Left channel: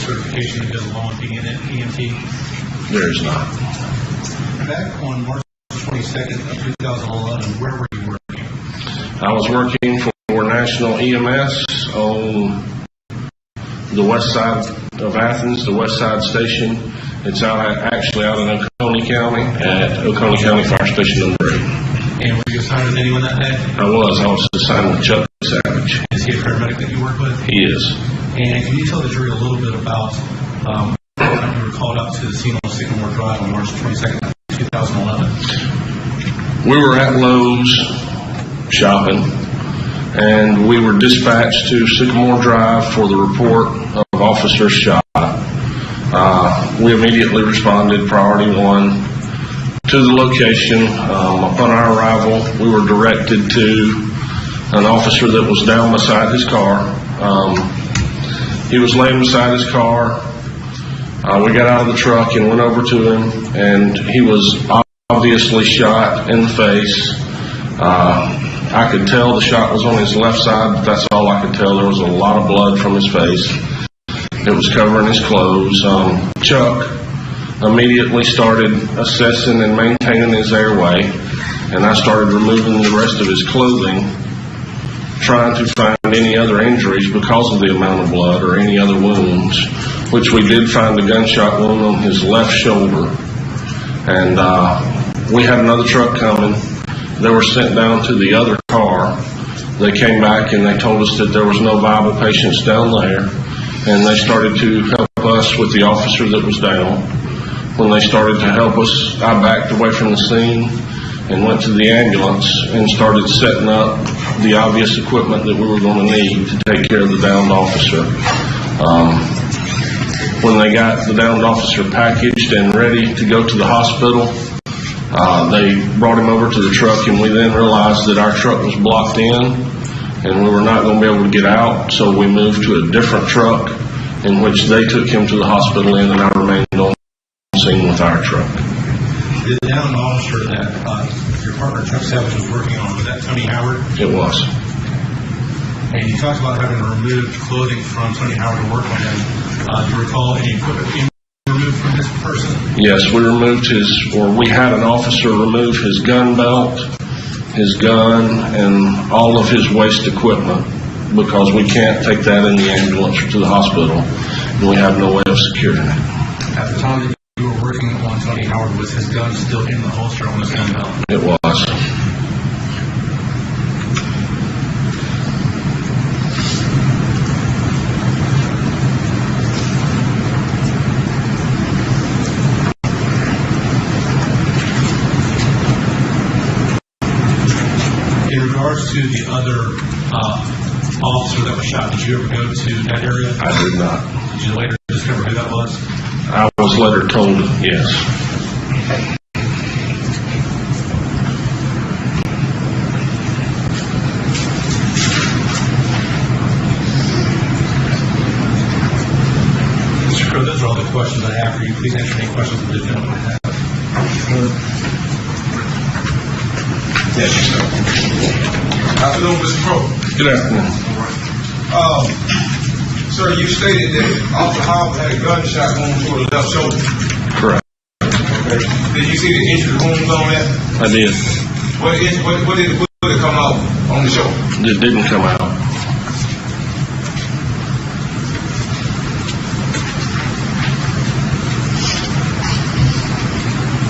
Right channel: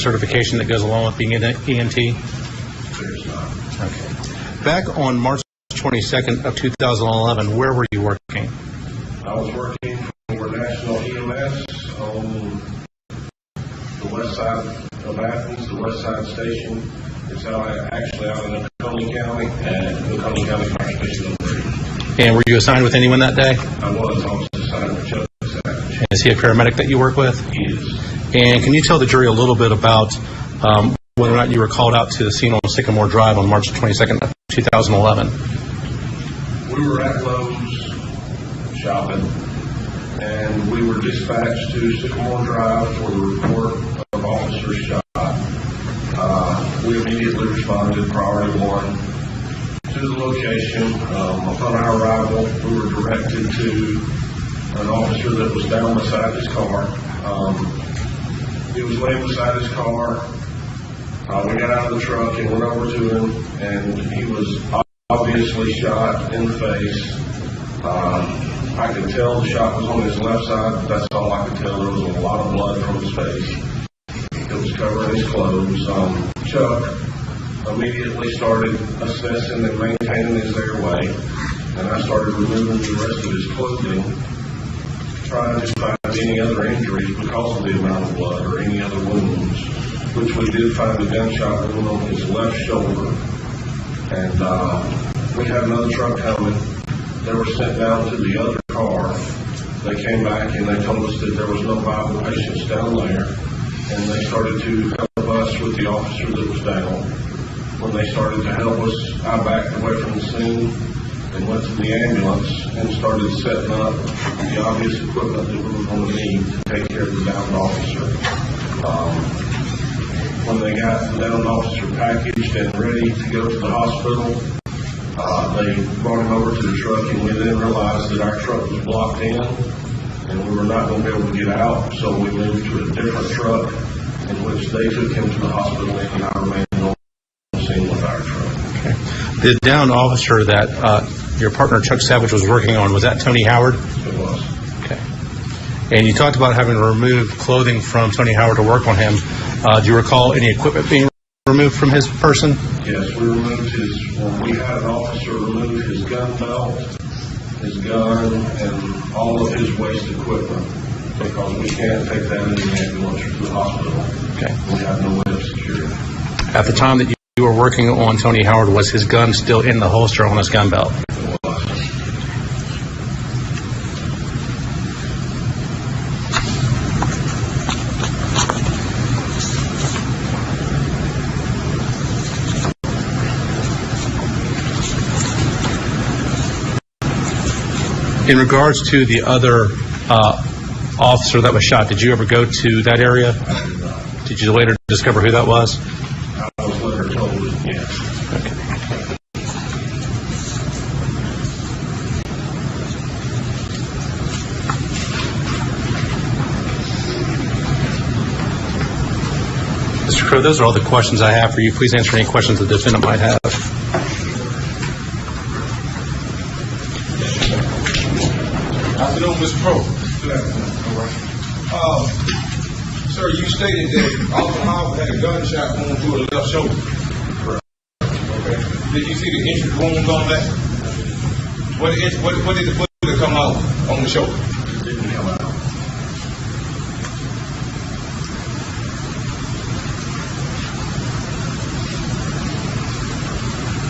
certification that goes along with being an EMT? There is not. Back on March 22nd of 2011, where were you working? I was working for National EMS on the west side of Athens, the west side station. It's actually out in Oconee County at Oconee County Fire Station number 8. And were you assigned with anyone that day? I was assigned with Chuck Savage. Is he a paramedic that you work with? He is. And can you tell the jury a little bit about whether or not you were called out to the scene on Sycamore Drive on March 22nd of 2011? We were at Lowe's shopping, and we were dispatched to Sycamore Drive for the report of officers shot. We immediately responded, priority 1, to the location. Upon our arrival, we were directed to an officer that was down beside his car. He was laying beside his car. We got out of the truck and went over to him, and he was obviously shot in the face. I could tell the shot was on his left side, but that's all I could tell. There was a lot of blood from his face. It was covering his clothes. Chuck immediately started assessing and maintaining his airway, and I started removing the rest of his clothing, trying to find any other injuries because of the amount of blood or any other wounds, which we did find a gunshot wound on his left shoulder. And we had another truck coming. They were sent down to the other car. They came back and they told us that there was no viable patients down there, and they started to help us with the officer that was down. When they started to help us, I backed away from the scene and went to the ambulance and started setting up the obvious equipment that we were going to need to take care of the downed officer. When they got the downed officer packaged and ready to go to the hospital, they brought him over to the truck, and we then realized that our truck was blocked in and we were not going to be able to get out, so we moved to a different truck in which they took him to the hospital in, and I remained on scene with our truck. The downed officer that your partner Chuck Savage was working on, was that Tony Howard? It was. Okay. And you talked about having to remove clothing from Tony Howard to work on him. Do you recall any equipment being removed from his person? Yes, we had an officer remove his gun belt, his gun, and all of his waste equipment, because we can't take that in the ambulance to the hospital, and we have no way of securing it. At the time that you were working on Tony Howard, was his gun still in the holster on his gun belt? It was. In regards to the other officer that was shot, did you ever go to that area? I did not. Did you later discover who that was? I was later told yes. Mr. Crow, those are all the questions I have for you. Please answer any questions the defendant might have. Afternoon, Mr. Crow. Good afternoon. Sir, you stated that Officer Howard had a gunshot wound to the left shoulder. Correct. Okay. Did you see the injury wounds on that? I did. What did it come out on the shoulder? It didn't come out.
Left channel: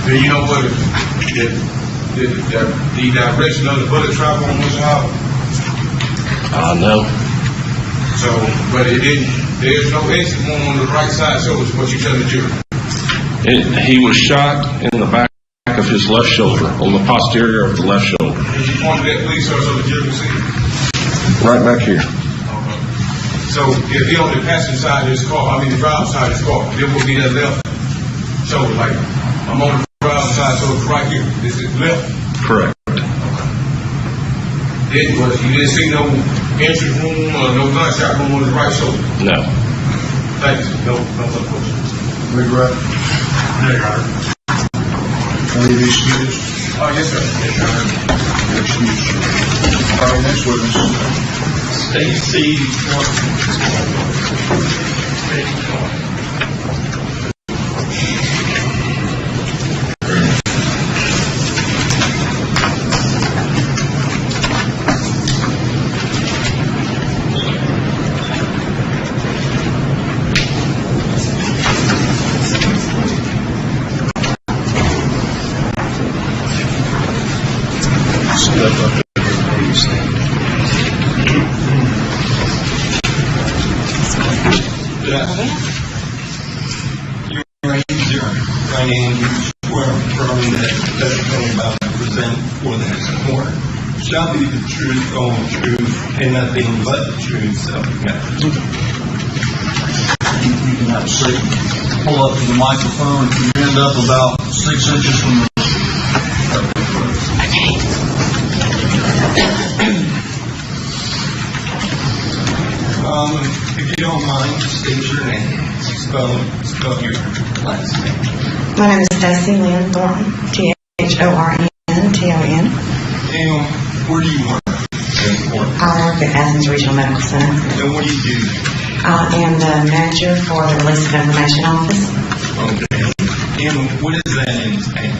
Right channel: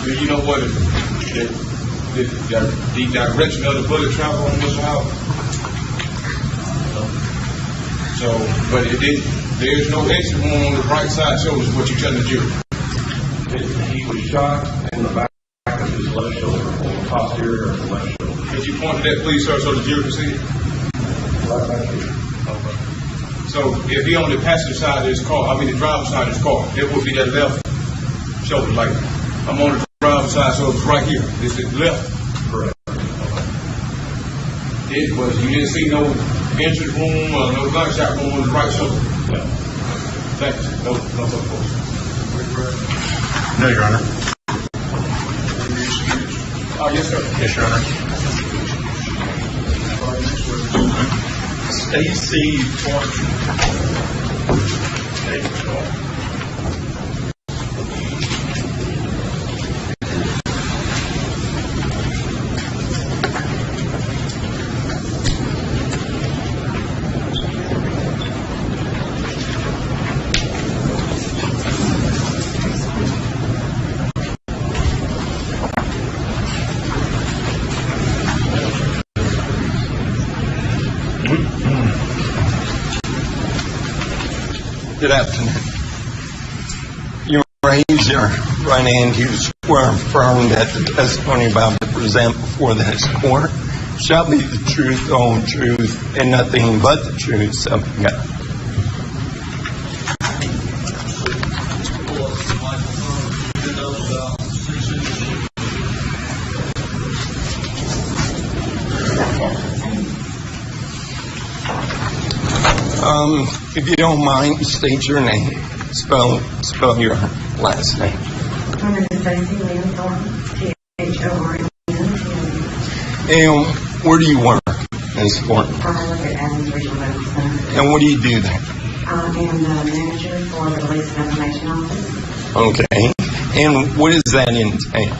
Do you know what the direction of the bullet travel on Mr. Howard? No. So, but it didn't. There's no exit wound on the right side shoulder, is what you telling the jury. He was shot in the back of his left shoulder, on the posterior of the left shoulder. Can you point that, please, sir, so the jury can see it? Right back here. Okay. So, if he on the passenger side of his car, the driver's side of his car, it would be that left shoulder, like, I'm on the driver's side, so it's right here. It's his left. Correct. You didn't see no entry wound or no gunshot wound on the right shoulder? No. Thank you. No further questions. Regret? No, Your Honor. Any excuse? Yes, sir. Yes, Your Honor. Excuse. Next witness. Stacy Point. Yes. You raise your right hand, you swear or affirm that the testimony about to present before this court shall be the truth, the whole truth, and nothing but the truth, so help you God. You can have a seat. Pull up to the microphone. If you end up about 6 inches from the if you don't mind, state your name. Spell your last name. My name is Stacy Lynn Thornton, Thornton. And where do you work? Ms. Thornton? I work at Athens Regional Medical Center. And what do you do there? I am the manager for the Release of Information Office. Okay. And what does that entail?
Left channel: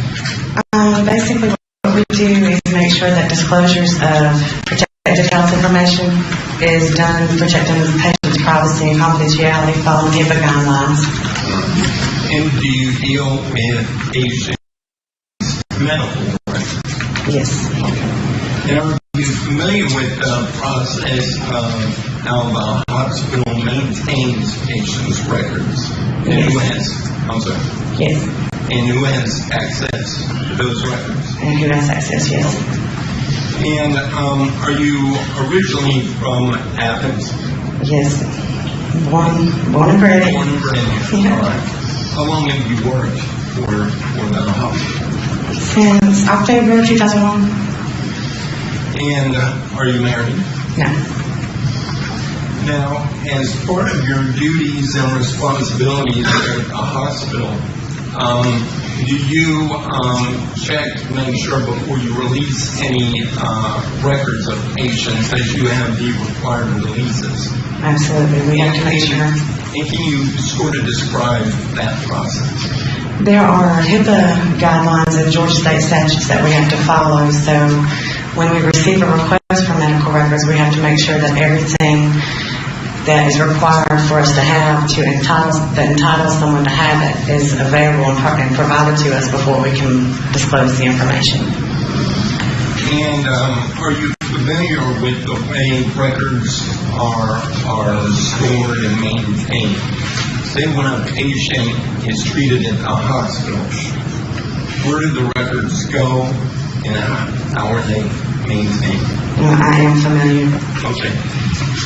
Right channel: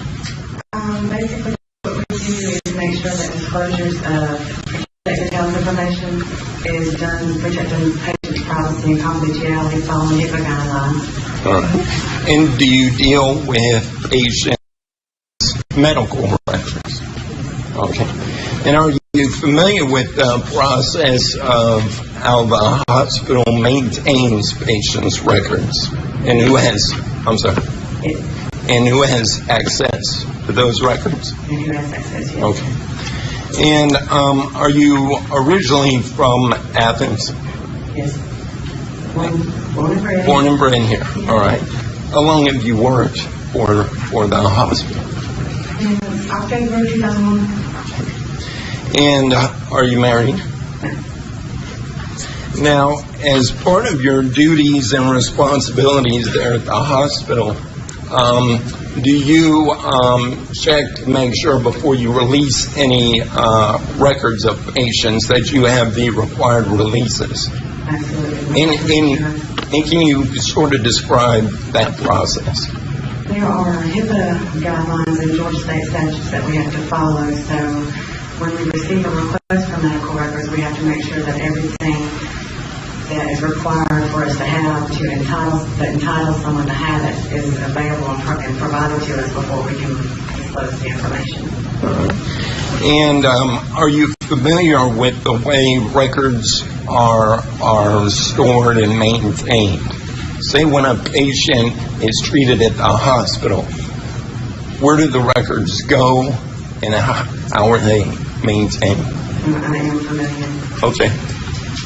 Basically, what we do is make sure that disclosures of protected health information is done, protecting the patient's privacy and confidentiality following HIPAA guidelines. And do you deal with patients' medical records? Yes. Okay. And are you familiar with the process of how the hospital maintains patients' records? And who has, Yes. and who has access to those records? And who has access, yes. Okay. And are you originally from Athens? Yes. Born and bred. Born and bred here. Yeah. All right. How long have you worked for the hospital? Since October 2001. And are you married? No. Now, as part of your duties and responsibilities there at the hospital, do you check to make sure before you release any records of patients that you have the required releases? Absolutely. We have to make sure. And can you sort of describe that process? There are HIPAA guidelines and Georgia state statutes that we have to follow. So when we receive a request for medical records, we have to make sure that everything that is required for us to have that entitles someone to have it is available and provided to us before we can disclose the information. And are you familiar with the way records are stored and maintained? Say when a patient is treated at the hospital, where do the records go and how are they maintained? I am familiar. Okay.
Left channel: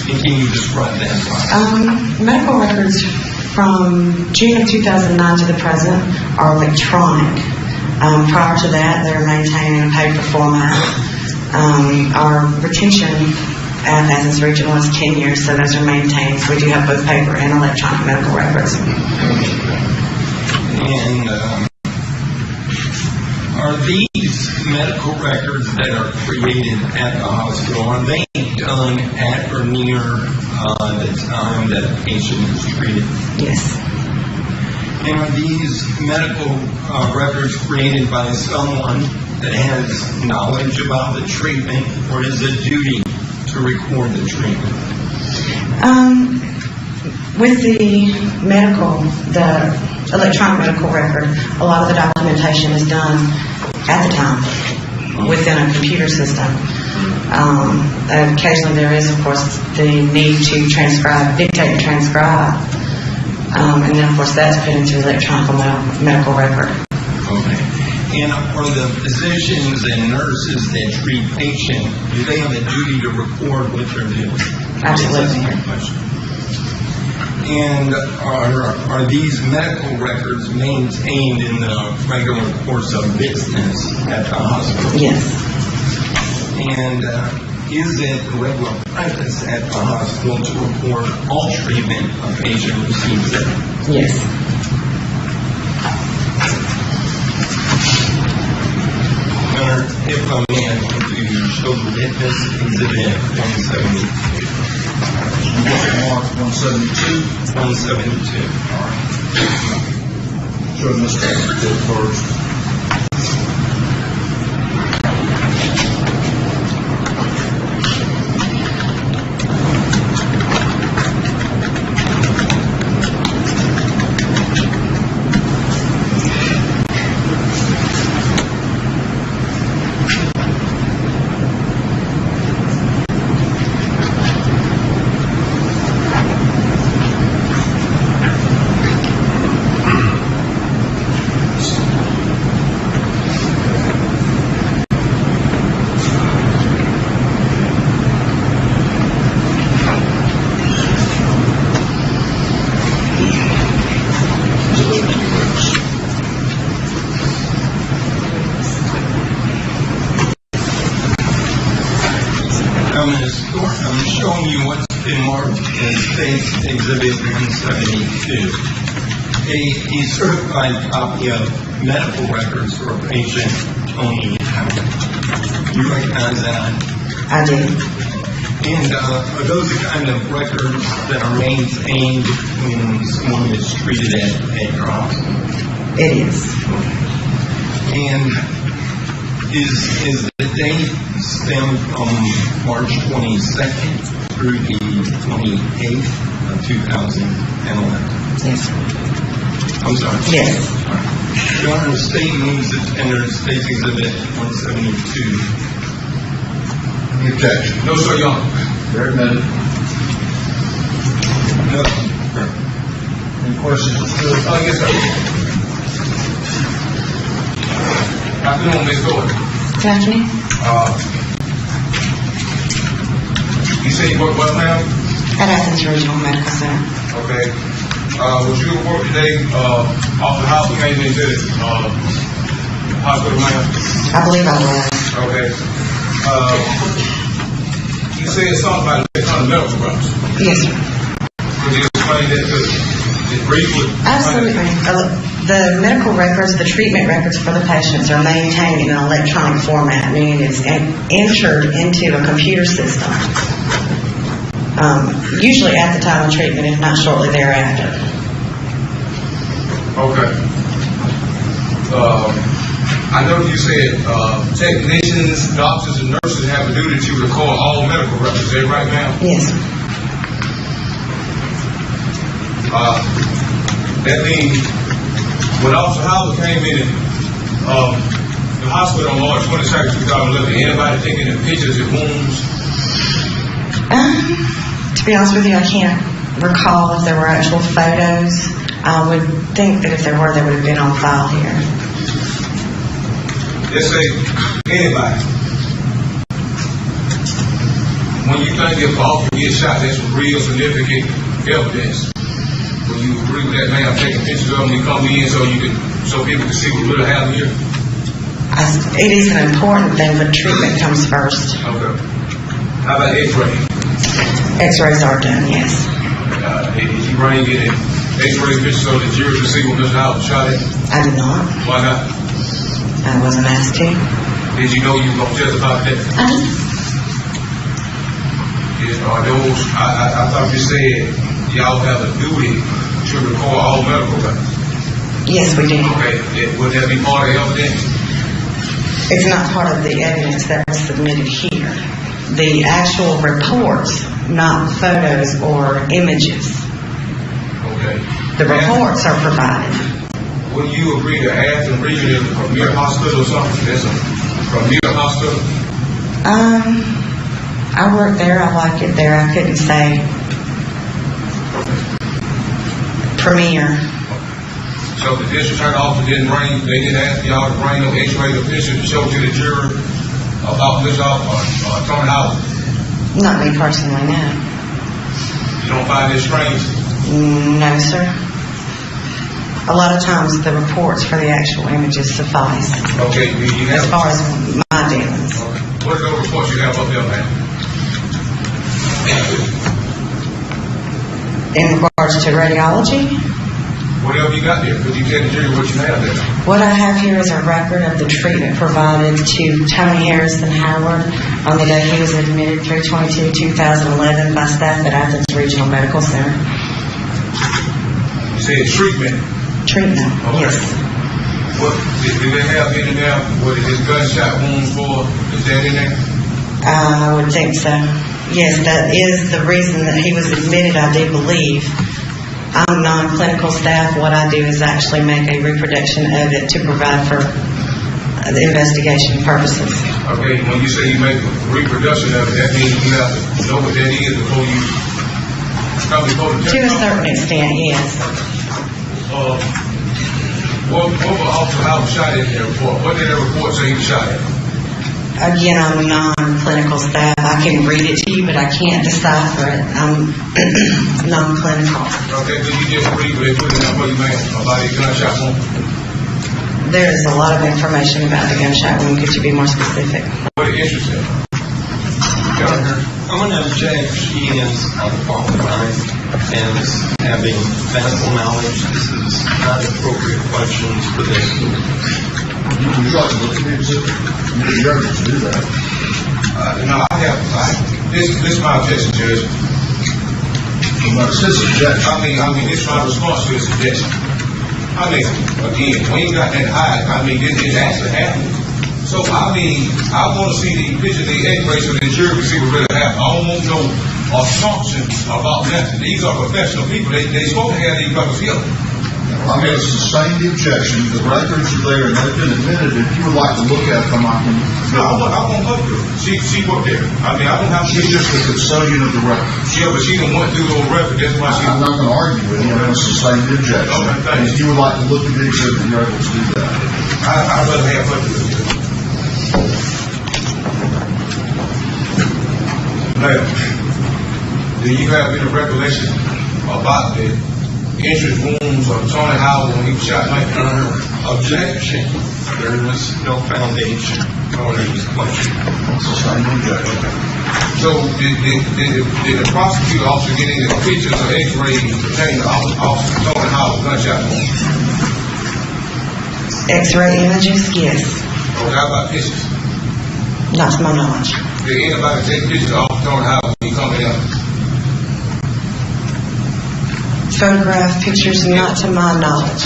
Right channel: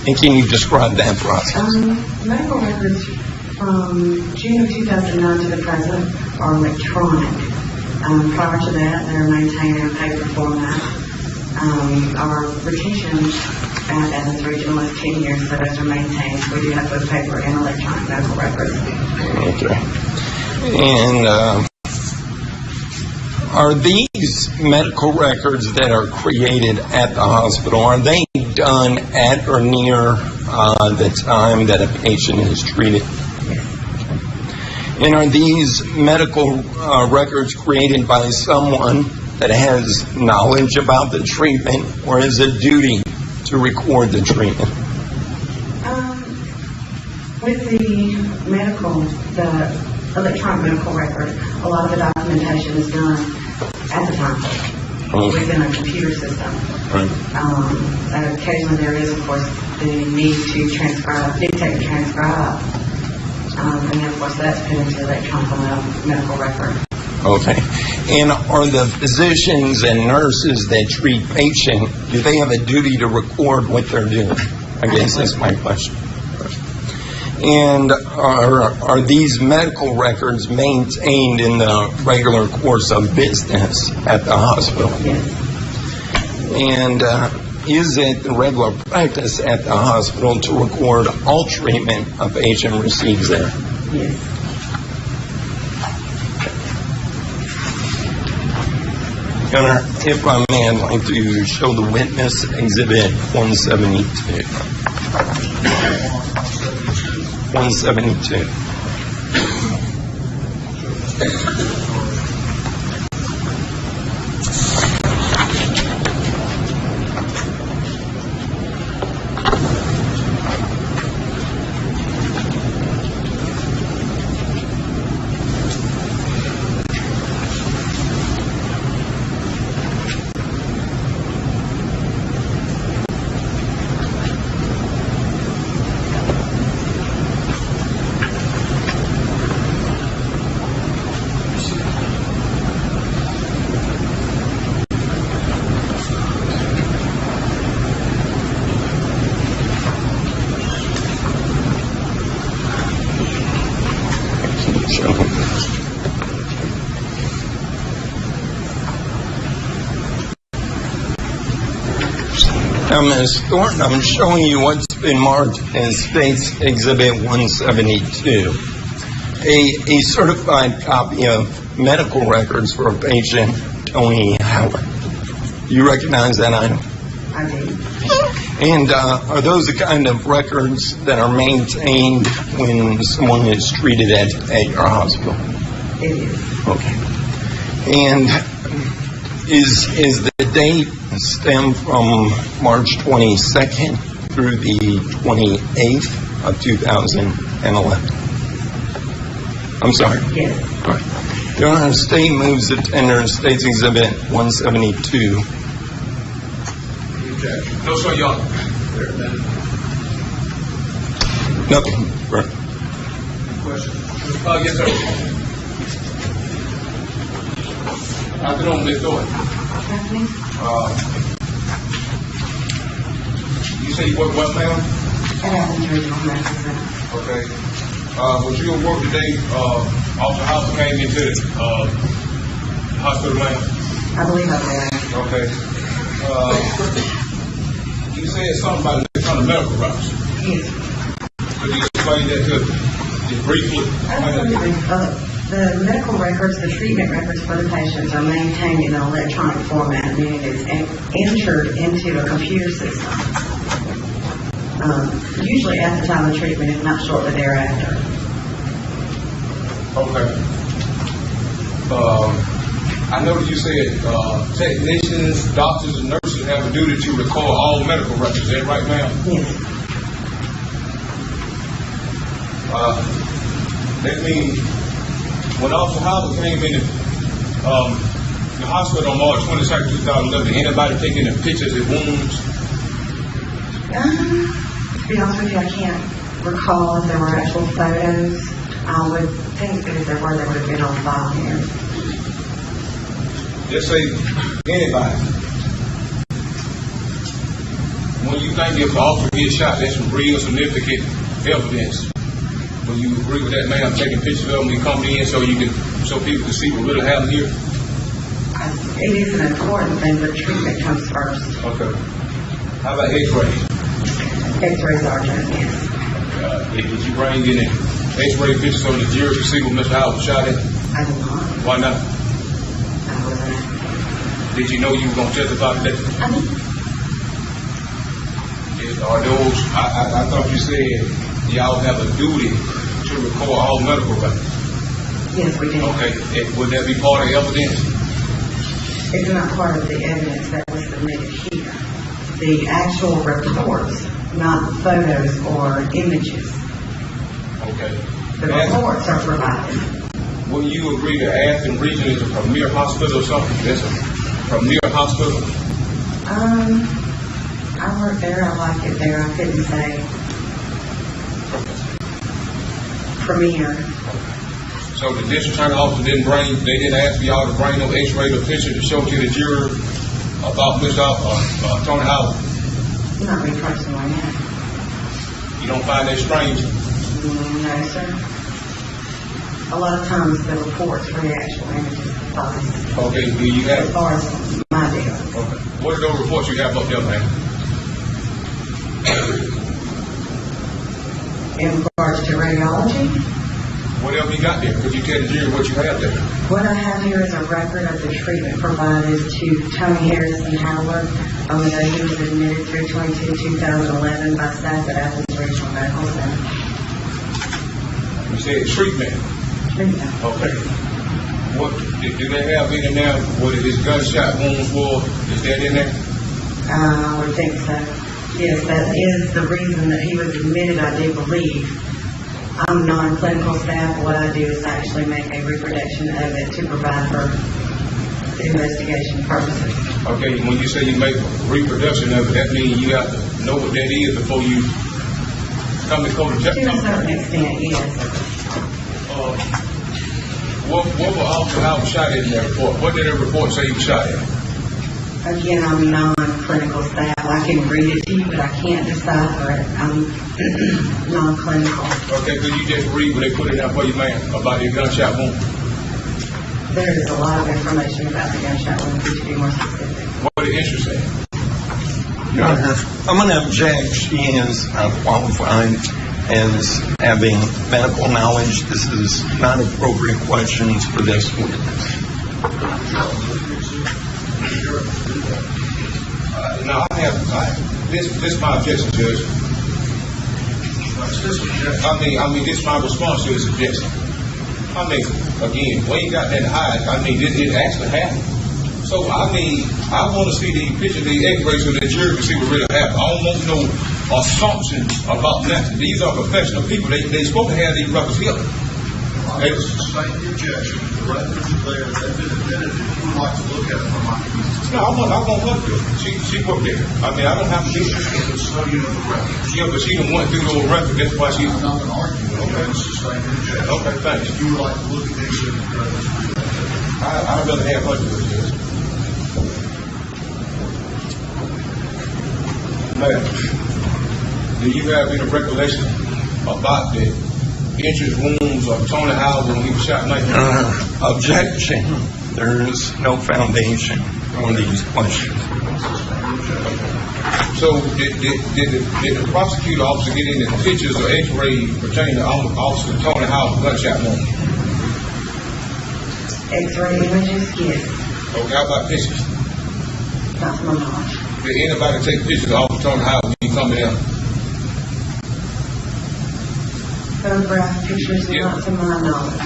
And can you describe that process? Medical records from June of 2009 to the present are electronic. Prior to that, they're maintained in a paper format. Our retention at Athens Regional is 10 years, so those are maintained. So we do have both paper and electronic medical records. And are these medical records that are created at the hospital, are they done at or near the time that a patient is treated? Yes. And are these medical records created by someone that has knowledge about the treatment, or is it duty to record the treatment? With the electronic medical record, a lot of the documentation is done at the time within a computer system. Occasionally there is, of course, the need to dictate and transcribe. And then, of course, that's put into the electronic medical record. Okay. And are the physicians and nurses that treat patients, do they have a duty to record what they're doing? I guess that's my question. And are these medical records maintained in the regular course of business at the hospital? Yes. And is it the regular practice at the hospital to record all treatment a patient receives there? Yes. If I may, I'd like to show the witness Exhibit 172. 172. Show Mr. first. Ms. Thornton, I'm showing you what's been marked as State's Exhibit 172. A certified copy of medical records for a patient, Tony Howard. You recognize that item? I do. And are those the kind of records that are maintained when someone is treated at your hospital? It is. Okay. And is the date stem from March 22nd through the 28th of 2011? Yes. I'm sorry. Yes. Your Honor, the state moves to tender State's Exhibit 172. Objection. No, sir, Your Honor. Very minute. No. Any questions? Oh, yes, sir. Afternoon, Ms. Gordon. Good afternoon. You say you work what, ma'am? At Athens Regional Medical Center. Okay. Was you at work today, off the house came into the, hospital, ma'am? I believe I was. Okay. You said something about electronic medical records. Yes, sir. Could you explain that to us just briefly? Absolutely. The medical records, the treatment records for the patients are maintained in an electronic format, meaning it's entered into a computer system. Usually at the time of treatment, if not shortly thereafter. Okay. I know you said technicians, doctors, and nurses have a duty to record all medical records. Is that right, ma'am? Yes. That means when Officer Howard came in the hospital on March 22nd, 2011, anybody taking the pictures of wounds? To be honest with you, I can't recall if there were actual photos. I would think that if there were, they would have been on file here. Let's say anybody. When you think if officer gets shot, that's some real significant evidence. When you agree with that man taking pictures of him, you come in so people can see what really happened here. It is an important thing, but treatment comes first. Okay. How about X-ray? X-rays are done, yes. Did you bring in X-ray pictures so the jury could see what Mr. Howard shot at? I did not. Why not? I wasn't asked to. Did you know you were going to testify to that? Are those, I thought you said y'all have a duty to record all medical records. Yes, we do. Okay, would that be part of the evidence? It's not part of the evidence that was submitted here. The actual reports, not photos or images. Okay. The reports are provided. Will you agree to Athens Regional is a premier hospital or something? That's a premier hospital? I work there. I like it there. I couldn't say premier. So the district attorney officer they didn't ask y'all to bring no X-ray picture to show to the jury about this Attorney Howard? Not me personally, no. You don't find this strange? No, sir. A lot of times the reports for the actual images suffice Okay, do you as have, far as my dealings. okay. What are those reports you have up there, man? In regards to radiology, Whatever you got there, could you tell the jury what you have there? what I have here is a record of the treatment provided to Tony Harrison Howard on the day he was admitted 3/22/2011 by staff at Athens Regional Medical Center. You said treatment. Treatment, Okay. yes. What, did they have in there what his gunshot wounds for? Is that in there? I would think so. Yes, that is the reason that he was admitted, I do believe. I'm non-clinical staff. What I do is actually make a reproduction of it to provide for the investigation purposes. Okay, when you say you make reproduction of it, that means you have to know what that is before you come before the To a judge. certain extent, yes. What was Officer Howard shot in that report? What did that report say he shot at? Again, I'm non-clinical staff. I can read it to you, but I can't decipher it. I'm non-clinical. Okay, so you just read what they put down for you, man, about his gunshot wound? There is a lot of information about the gunshot wound. Could you be more specific? What is interesting? Your Honor, I'm going to object. She is unqualified as having medical knowledge. This is not appropriate questions for this. Would you like to look at the exhibit? You're able to do that. No, I haven't. This is my objection, Judge. It says objection. I mean, this is my response to the suggestion. I mean, again, we ain't got that high. I mean, it actually happened. So, I mean, I want to see the picture, the x-ray, so the jury can see what really happened. I don't want no assumptions about nothing. These are professional people. They supposed to have these records here. I'm going to sustain the objection. The records are there and they've been admitted. If you would like to look at them, I can. No, I won't go through it. She worked there. I mean, I don't have to She's get just the custodian of the records. Yeah, but she didn't want to do those records. That's why she. I'm not going to argue with you. I'm going to sustain the objection. Okay, thank you. If you would like to look at the exhibit, you're able to do that. I'd rather have her do it. Now, do you have any recollection about the entrance wounds of Tony Howard when he was shot like that? Objection. There is no foundation for these questions. Sustain the objection. So, did the prosecutor officer get any pictures or x-rays pertaining to Officer Tony Howard gunshot wound? X-ray images, yes, Okay, how about pictures? not to my knowledge. Did anybody take pictures of Officer Tony Howard when he coming out? Photograph pictures, not to my knowledge.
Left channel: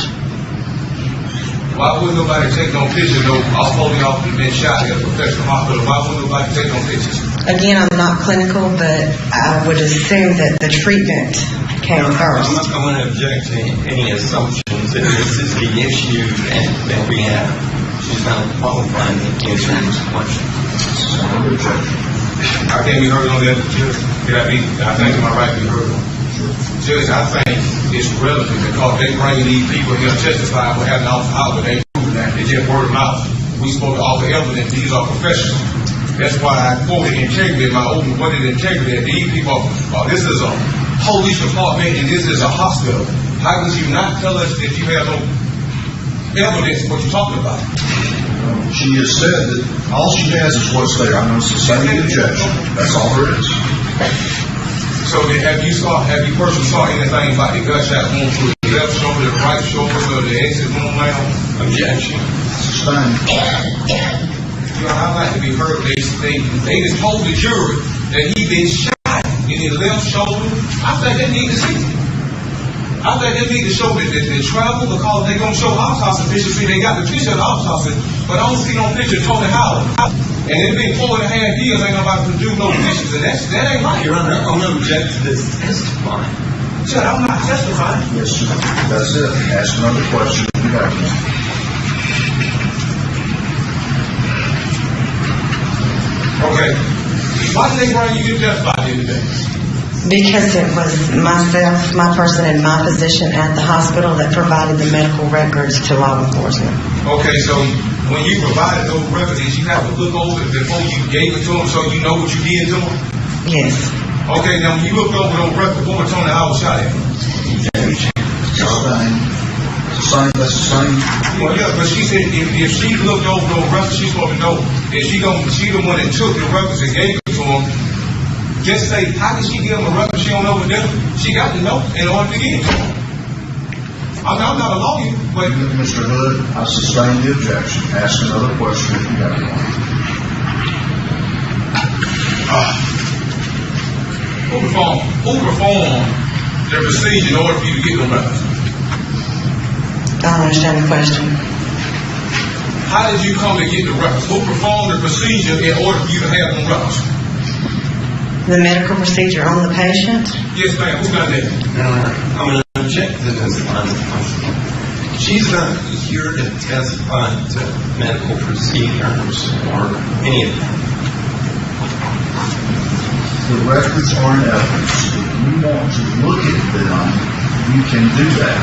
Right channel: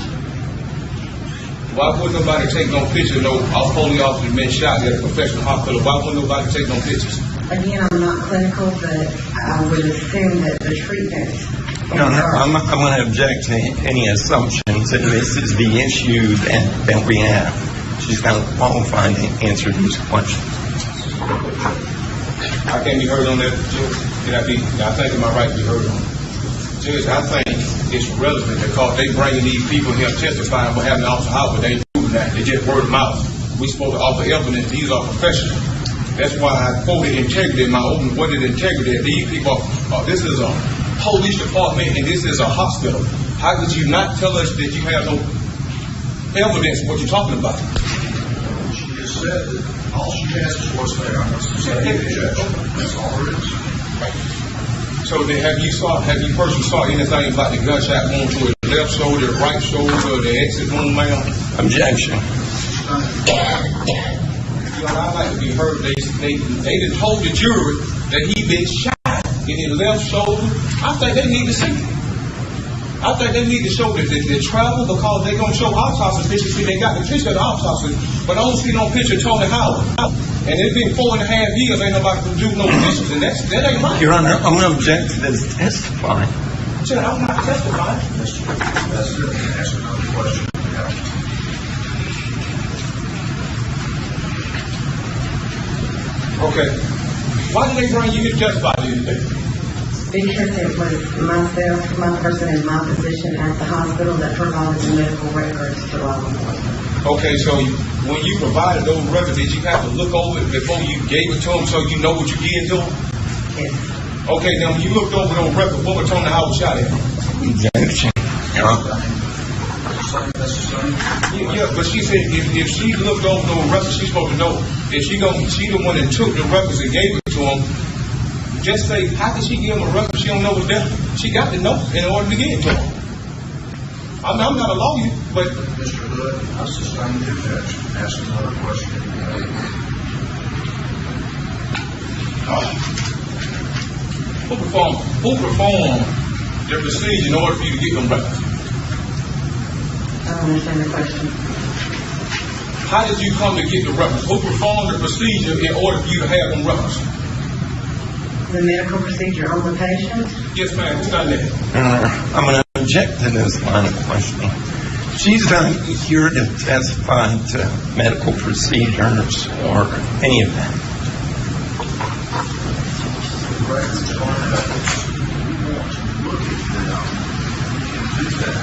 Why would nobody take no pictures? No, all police officers been shot at a professional hospital. Why would nobody take no pictures? Again, I'm not clinical, but I would assume that the treatment came No, first. I'm going to object to any assumptions that this is the issue that we have. She's not qualified to answer these questions. I can't be heard on that, Judge. I think it's my right to be heard on. Judge, I think it's relevant because they bring these people here to testify for having Officer Howard. They prove that. They just word of mouth. We supposed to offer evidence. These are professionals. That's why I quoted integrity in my open worded integrity. These people, this is a police department and this is a hospital. How could you not tell us that you have no evidence of what you're talking about? She has said that all she has is what's there. I'm going to sustain the objection. That's all there is. So then have you personally saw anything about the gunshot wound to the left shoulder, the right shoulder, or the exit wound, ma'am? Objection. Sustain. You know, I'd like to be heard. They just told the jury that he been shot in his left shoulder. I think they need to see it. I think they need to show that the travel because they gonna show autopsy pictures. See, they got the picture of the autopsy, but I don't see no picture of Tony Howard. And it's been 4.5 years, ain't nobody can do no pictures, and that ain't right. Your Honor, I'm going to object to this testifying. Judge, I'm not testifying. Yes, sir. That's it. Ask another question if you have one. Okay. Why did they bring you to testify here today? Because it was myself, my person in my position at the hospital that provided the medical records to law enforcement. Okay, so when you provided those records, did you have to look over it before you gave it to them so you know what you did to them? Yes. Okay, now when you looked over those records, what was Tony Howard shot at? Objection. Sustain. That's the same. Well, yeah, but she said if she looked over those records, she's supposed to know. If she the one that took the records and gave it to him, just say, how can she give him a record she don't know what they're doing? She got to know in order to get it to him. I'm not a lawyer, but Mr. Hood, I sustain the objection. Ask another question if you have one. who performed the procedure in order for you to get them records? I don't understand the question. How did you come to get the records? Who performed the procedure in order for you to have them records? The medical procedure on the patient? Yes, ma'am. Who done that? I'm going to object to this line of questioning. She's not here to testify to medical procedures or any of that. The records are in evidence. If you want to look at them, you can do that.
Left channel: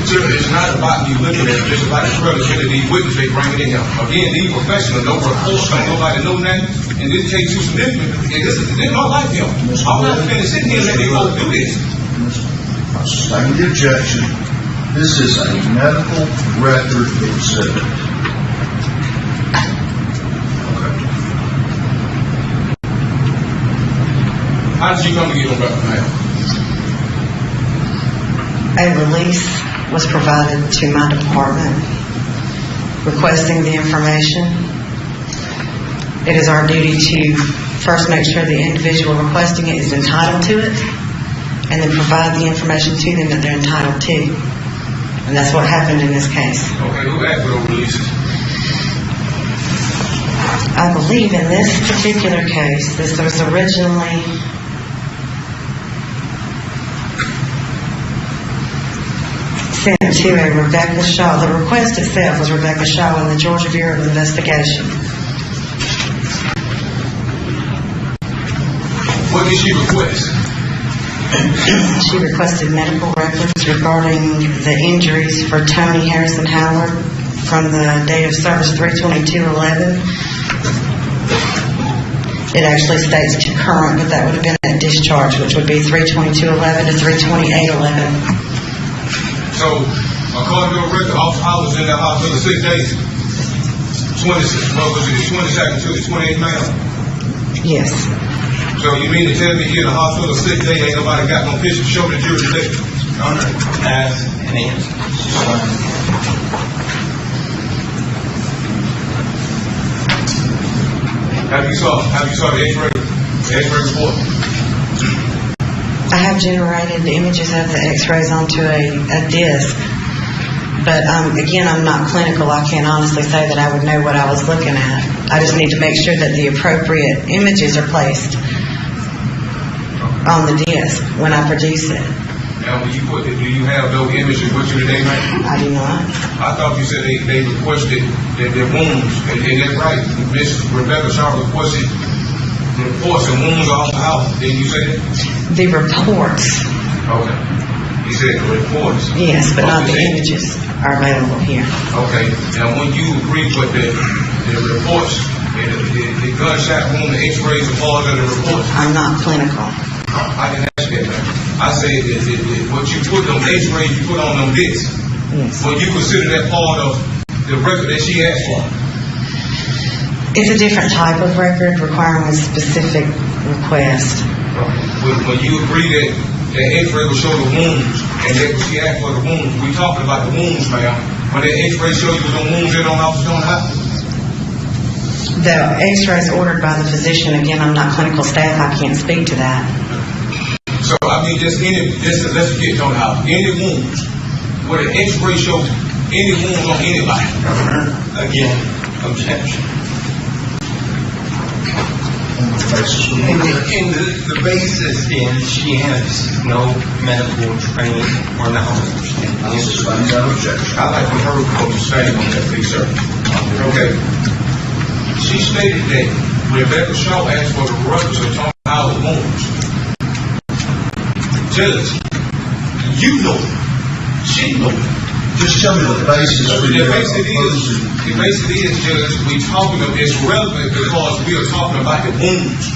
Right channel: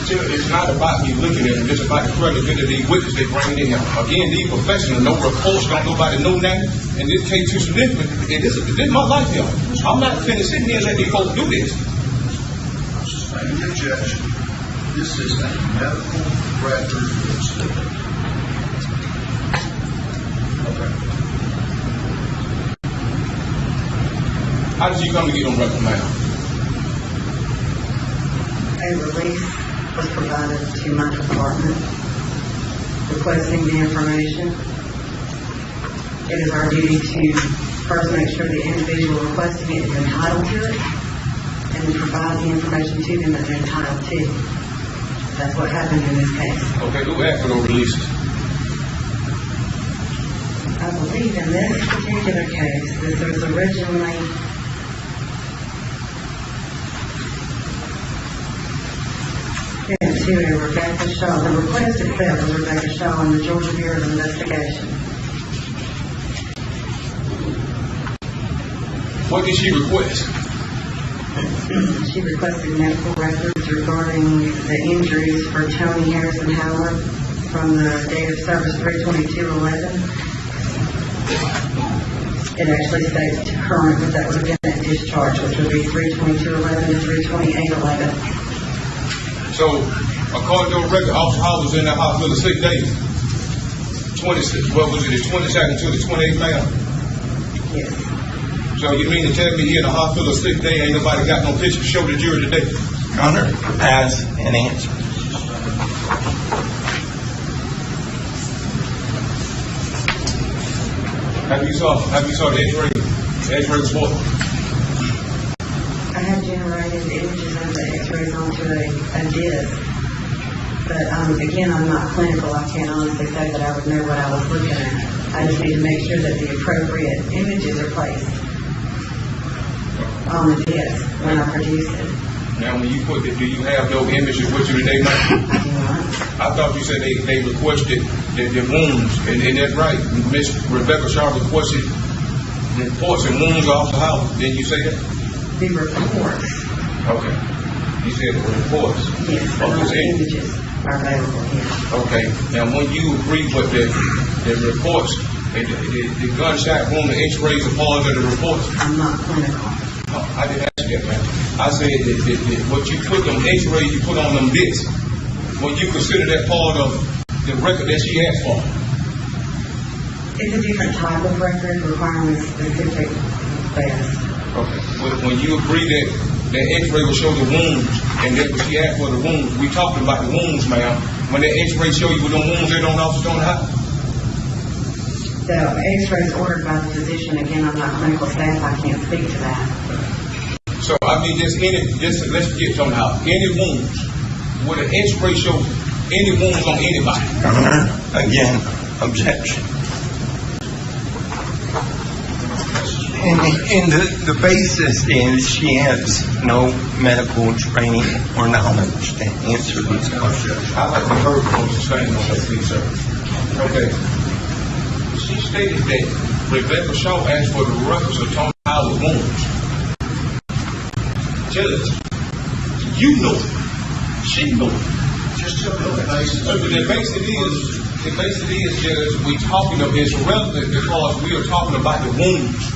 Sir, it's not about you looking at it, it's about the credibility of these witnesses they bring it in. Again, these professionals know reports, don't nobody know nothing, and this case too significant. This is not like them. I'm not finished sitting here and let they go do this. I sustain the objection. This is a medical record exhibit. How did you come to get on record, ma'am? A release was provided to my department requesting the information. It is our duty to first make sure the individual requesting it is entitled to it, and then provide the information to them that they're entitled to. And that's what happened in this case. Okay, who asked for those releases? I believe in this particular case, this was originally sent to a Rebecca Shaw. The request itself was Rebecca Shaw in the Georgia Bureau of Investigation. What did she request? She requested medical records regarding the injuries for Tony Harrison Howard from the date of service 3/22/11. It actually states to current, but that would have been at discharge, which would be 3/22/11 to 3/28/11. So, according to the record, Officer Howard was in that hospital 6 days. 22nd to the 28th, ma'am? Yes. So you mean to tell me here in the hospital 6 days, ain't nobody got no picture to show the jury today? As an answer. Have you saw the X-ray report? I have generated images of the x-rays onto a disc, but again, I'm not clinical. I can't honestly say that I would know what I was looking at. I just need to make sure that the appropriate images are placed on the disc when I produce it. Now, when you put it, do you have those images with you today, ma'am? I do not. I thought you said they requested their wounds, and that's right. Miss Rebecca Shaw requested the reports and wounds off the house. Didn't you say that? The reports, Okay. You said the reports. yes, but not the Okay. images are available here. Okay. Now, when you agree with the reports, and the gunshot wound, the X-rays are part of the reports, I'm not clinical. I didn't ask you that, ma'am. I said that what you put on X-rays, you put on them discs. Yes. Well, you consider that part of the record that she asked for. It's a different type of record requiring a specific request. When you agree that the X-ray will show the wounds, and that was she asked for the wounds, we talking about the wounds, ma'am. When that X-ray shows you the wounds, you don't officer don't have. The x-rays ordered by the physician, again, I'm not clinical staff, I can't speak to that. So I mean, let's get on how any wounds where the X-ray shows any wounds on anybody. Again, objection. And the basis is she has no medical training or knowledge. I like to hear what you're saying on that, please, sir. Okay. She stated that Rebecca Shaw asked for the records of Tony Howard wounds. Judge, you know it. She know it. Just tell me the basis. The basis is, Judge, we talking of it's relevant because we are talking about the wounds.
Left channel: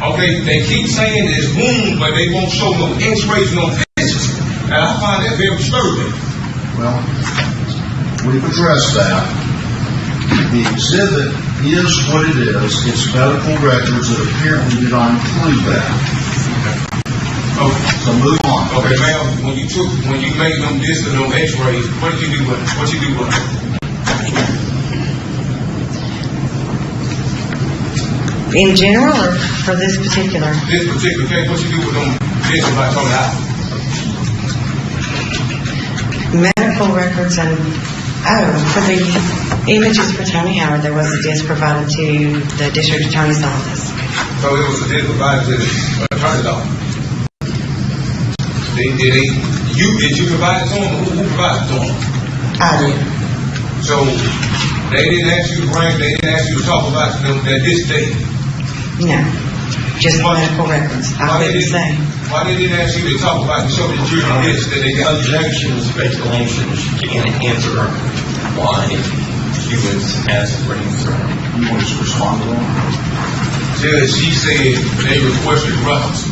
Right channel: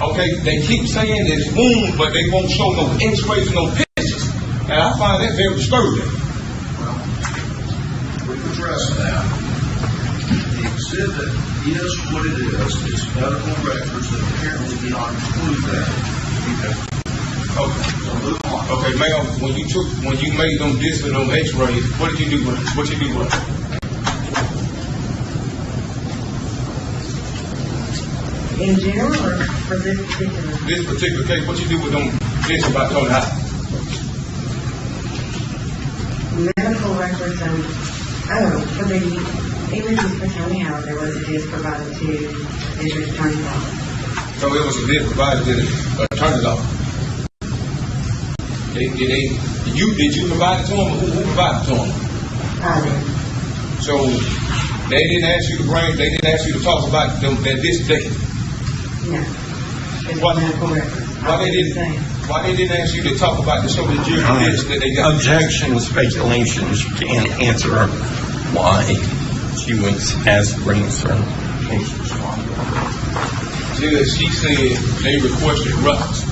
Okay, they keep saying there's wounds, but they won't show no X-rays, no pictures. And I find that very disturbing. Well, we've addressed that. The exhibit is what it is. It's medical records that apparently do not include that. Okay. So move on. Okay, ma'am, when you made them discs and them X-rays, what did you do with it? What you do with it? In general, or for this particular? This particular case, what you do with them discs about Tony Howard? Medical records and, for the images for Tony Howard, there was a disc provided to the district attorney's office. So it was a disc provided to the attorney's office. Did you provide it to them? Who provided it to them? I did. So they didn't ask you to bring, they didn't ask you to talk about that disc date? No, just medical records. I wouldn't say. Why they didn't ask you to talk about the show the jury disc that they got? Objection, speculation. She can't answer why she was asked to bring this up. You want to respond to that? Judge, she said they requested records.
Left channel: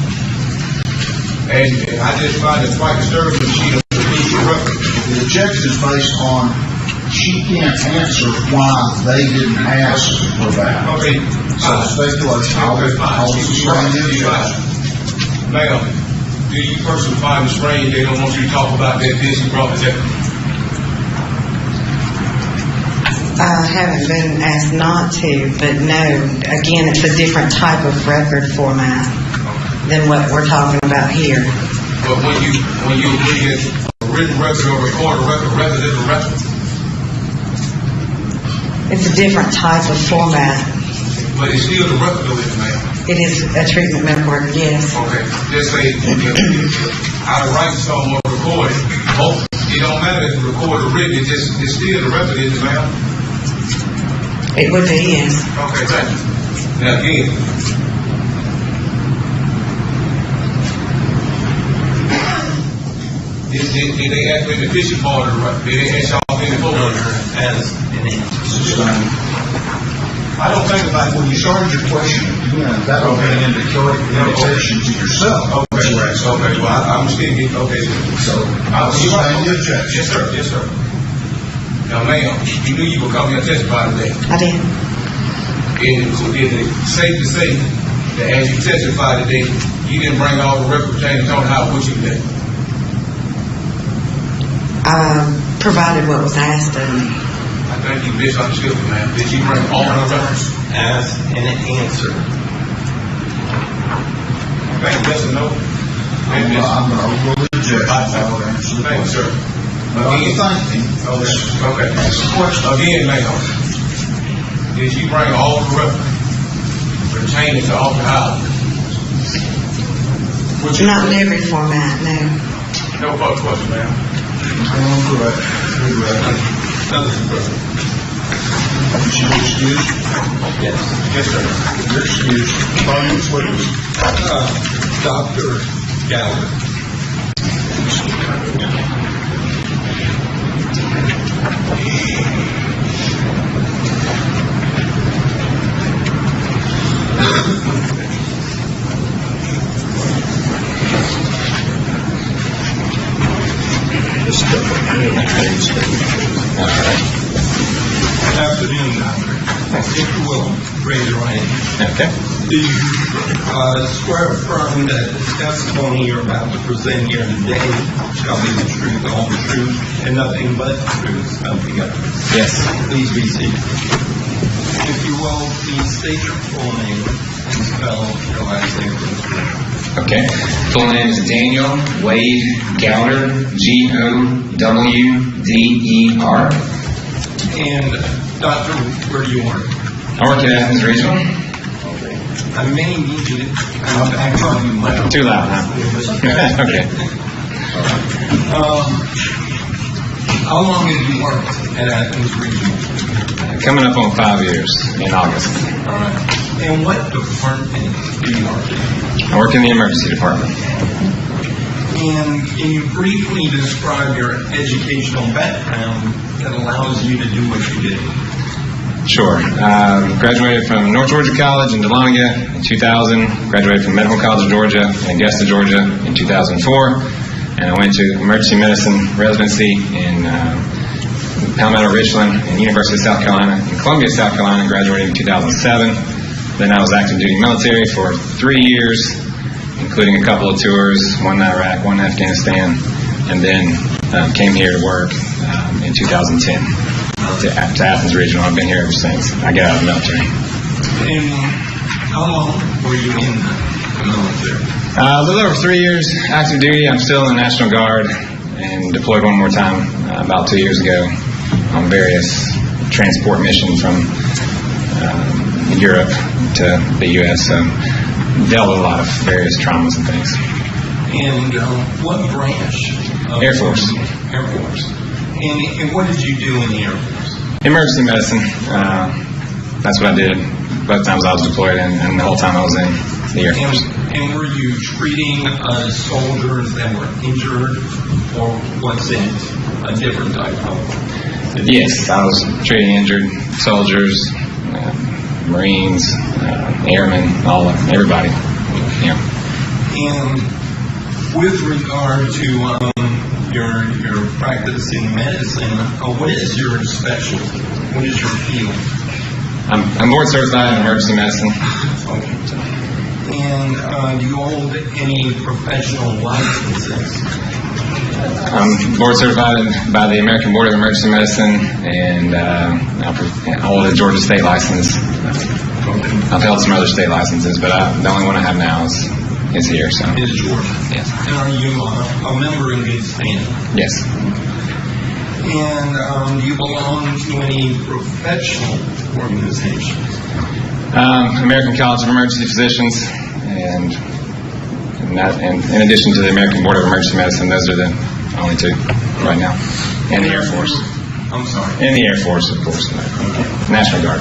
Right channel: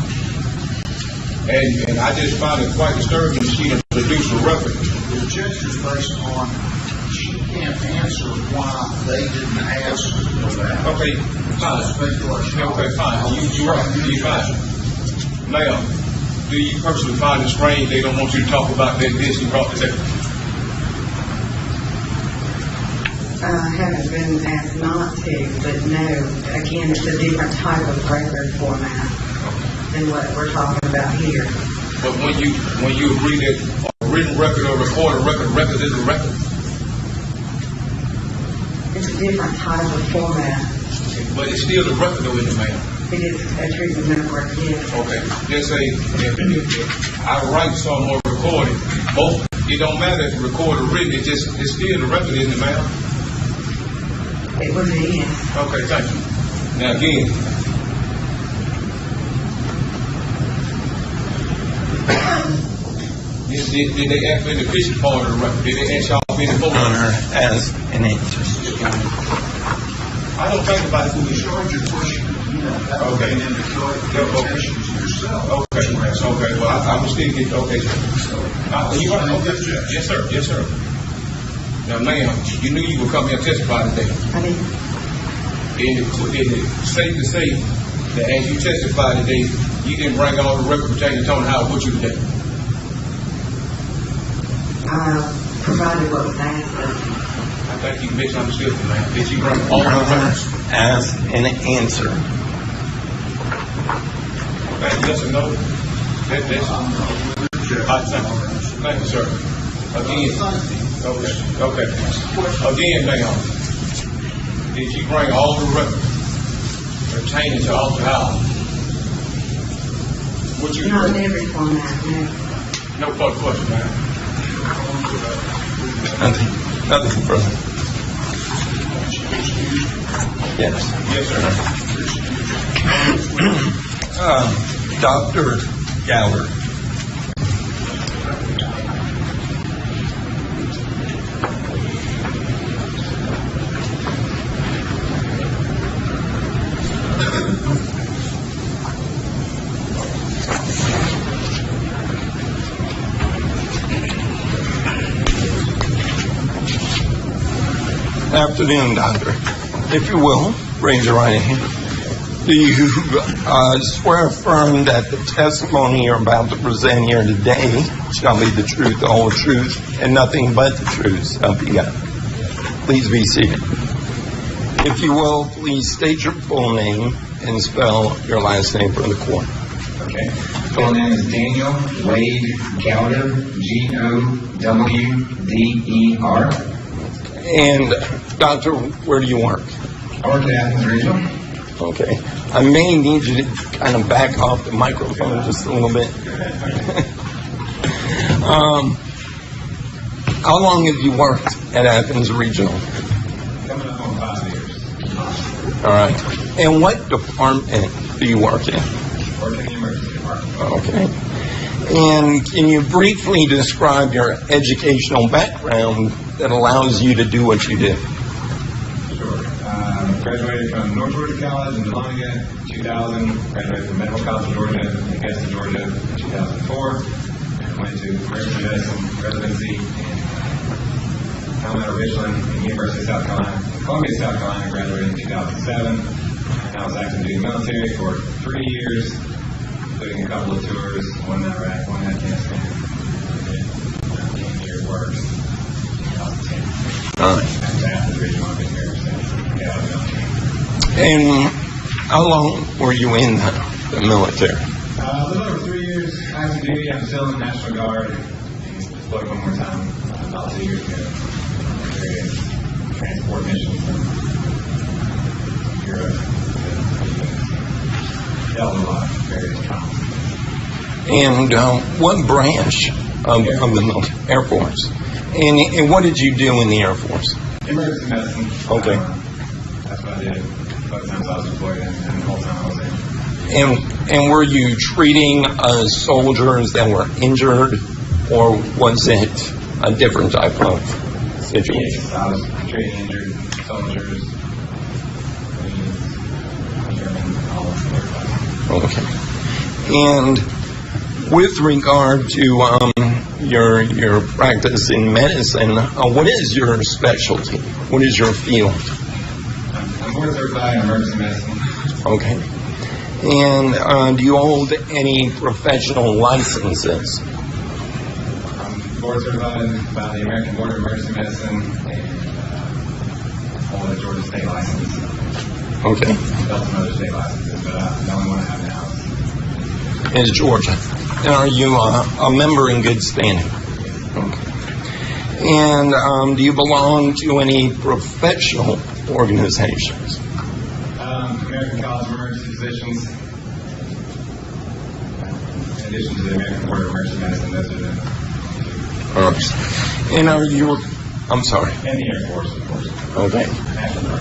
And I just find it quite disturbing when she has released the record. The objection is based on she can't answer why they didn't ask for that. Okay, So fine. speculation. Okay, fine. I'll explain the You're right. objection. Now, do you personally find it strange they don't want you to talk about that this you brought this up? I haven't been asked not to, but no, again, it's a different type of record format than what we're talking about here. But when you look at a written record or recorded record is a record. It's a different type of format. But it's still the record of it, man. It is a treatment record, yes. Okay, let's say I write some or record it. Oh, it don't matter if it's recorded or written, it's still the record, isn't it, ma'am? It would be, yes. Okay, thank you. Now again, did they ask me the fishing part of the record? Did they ask y'all any more? As an I don't think about when you started your question, that will get into characterizations of yourself. Okay, right, okay, well, I'm still getting, okay, so. Thank you, Judge. Yes, sir, yes, sir. Now, ma'am, you knew you were coming here to testify today. I did. So is it safe to say that as you testified today, you didn't bring all the record pertaining to Tony Howard with you today? Provided what was asked of me. I think you misunderstood me, ma'am. Did you bring all the records? ask and answer. Okay, yes or no? I'm going to go with the judge. Thank you, sir. Again, okay. Again, ma'am, did you bring all the records pertaining to Alton Howard? Not in every format, no. No further question, ma'am. That's the president. Yes. Yes, sir. You're excused. Dr. Gallagher. Afternoon, Doctor. If you will, raise your right hand. Okay. Do you swear affirm that the testimony you're about to present here today shall be the truth, the whole truth, and nothing but the truth? Yes. Please be seated. If you will, please state your full name and spell your last name for the court. Okay. Full name is Daniel Wade Gowder, Gowder. And, Doctor, where do you work? I work at Athens Regional. Okay. I may need you to kind of back up the microphone Too loud just a little bit. Okay. How long have you worked at Athens Regional? Coming up on 5 years in August. All right. And what department do you work in? I work in the emergency department. And can you briefly describe your educational background that allows you to do what you do? Sure. Graduated from North Georgia College in Dahlonega in 2000. Graduated from Medical College of Georgia in Augusta, Georgia in 2004. And I went to emergency medicine residency in Palmetto Richland and University of South Carolina in Columbia, South Carolina. Graduated in 2007. Then I was active duty military for 3 years, including a couple of tours, one in Iraq, one in Afghanistan, and then came here to work in 2010 to Athens Regional. I've been here ever since I got out of the military. And how long were you in the military? A little over 3 years active duty. I'm still in the National Guard and deployed one more time about 2 years ago on various transport missions from Europe to the U.S. So dealt with a lot of various traumas and things. And what branch of Air Force. Air Force. And what did you do in the Air Force? Emergency medicine. That's what I did both times I was deployed in, and the whole time I was in the Air Force. And were you treating soldiers that were injured, or was it a different type of? Yes, I was treating injured soldiers, Marines, airmen, everybody. Yeah. And with regard to your practice in medicine, what is your specialty? What is your field? I'm board certified in emergency medicine. Okay. And do you hold any professional licenses? I'm board certified by the American Board of Emergency Medicine, and I hold a Georgia state license. Okay. I've held some other state licenses, but the only one I have now is here. So Is Georgia? Yes. And are you a member in good standing? Yes. And do you belong to any professional organizations? American College of Emergency Physicians, and in addition to the American Board of Emergency Medicine, those are the only two right now. And the are Air you, Force. I'm sorry. And the Air Force, of course. Okay. National Guard.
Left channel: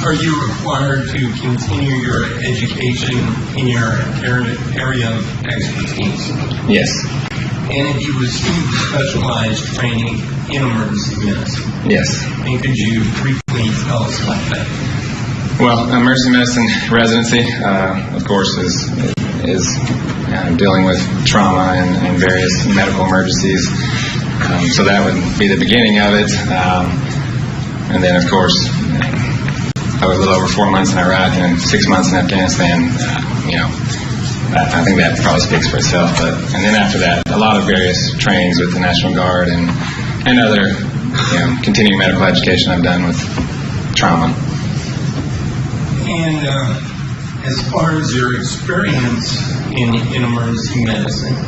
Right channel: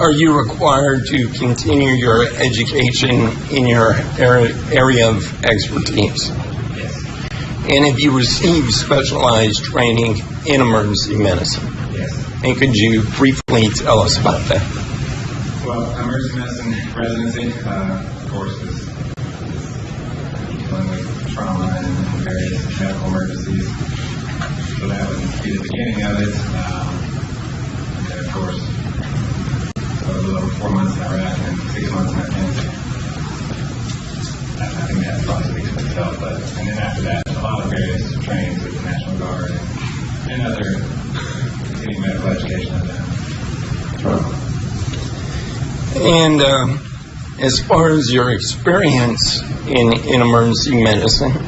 Are you required to continue your education in your area of expertise? Yes. And have you received specialized training in emergency medicine? Yes. And could you briefly tell us about that? Well, emergency medicine residency, of course, is dealing with trauma and various medical emergencies. So that would be the beginning of it. And then, of course, I was a little over 4 months in Iraq and 6 months in Afghanistan. I think that probably speaks for itself. And then after that, a lot of various trainings with the National Guard and other continuing medical education I've done with trauma. And as far as your experience in emergency medicine,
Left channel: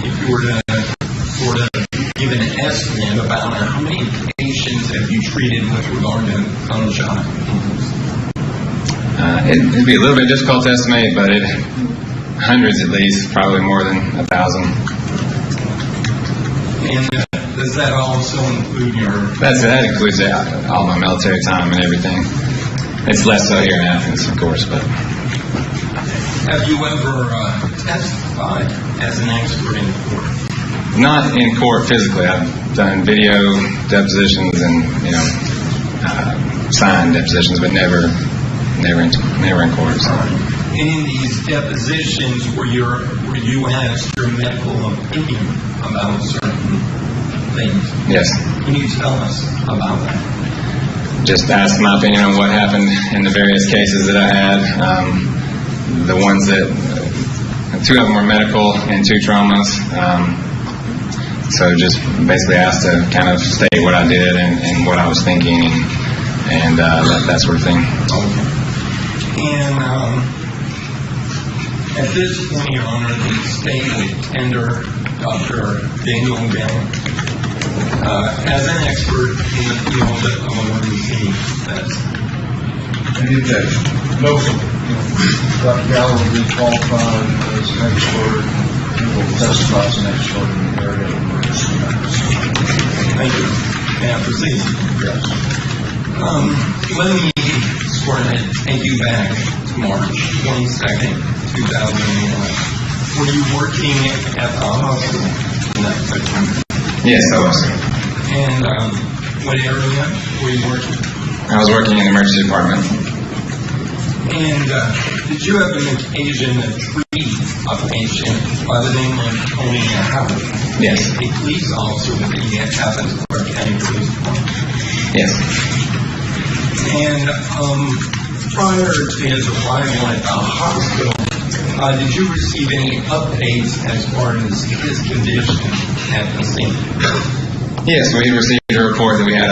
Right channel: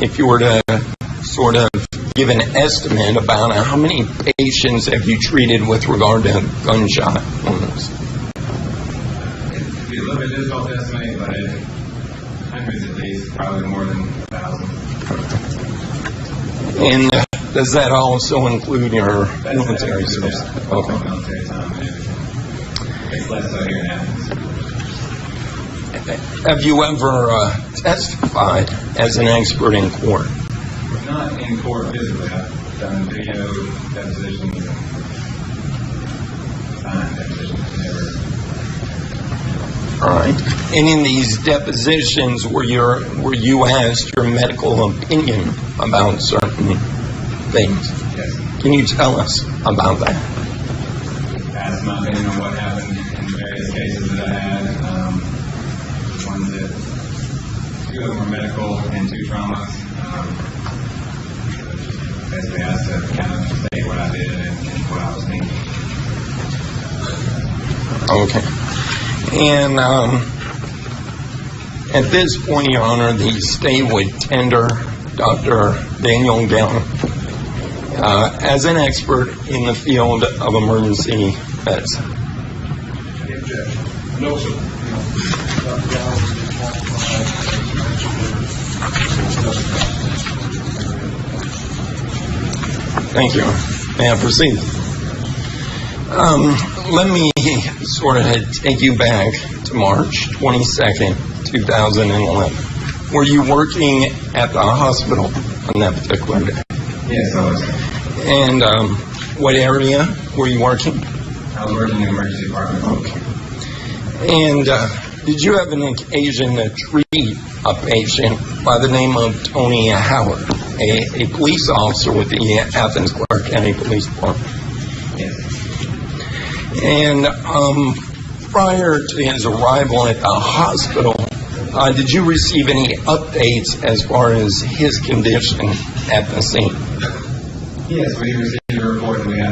if you were to sort of give an estimate about how many patients have you treated with regard to gunshot wounds? It'd be a little bit difficult to estimate, but hundreds at least, probably more than 1,000. And does that also include your... That includes all my military time and everything. It's less so here in Athens, of course, but... Have you ever testified as an expert in court? Not in court physically. I've done video depositions and, signed depositions, but never in court. So. All right. And in these depositions, were you asked your medical opinion about certain things? Yes. Can you tell us about that? Just asked my opinion on what happened in the various cases that I had. The ones that, 2 of them were medical and 2 traumas. So just basically asked to kind of state what I did and what I was thinking and that sort of thing. Okay. And at this point, Your Honor, the state would tender Dr. Daniel Gallant as an expert in the field of emergency medicine. No, Dr. Gallo will be qualified as an expert. He will testify as an expert in the area of emergency medicine. Thank you. May I proceed? Let me sort of take you back to March 22nd, 2011. Were you working at the hospital on that particular day? Yes, I was. And what area were you working? I was working in the emergency department. And did you have an occasion to treat a patient by the name of Tony Howard, Yes. a police officer with the Athens Clarke County Police Department? Yes. And prior to his arrival at the hospital, did you receive any updates as far as his condition at the scene? Yes, we received a report that we had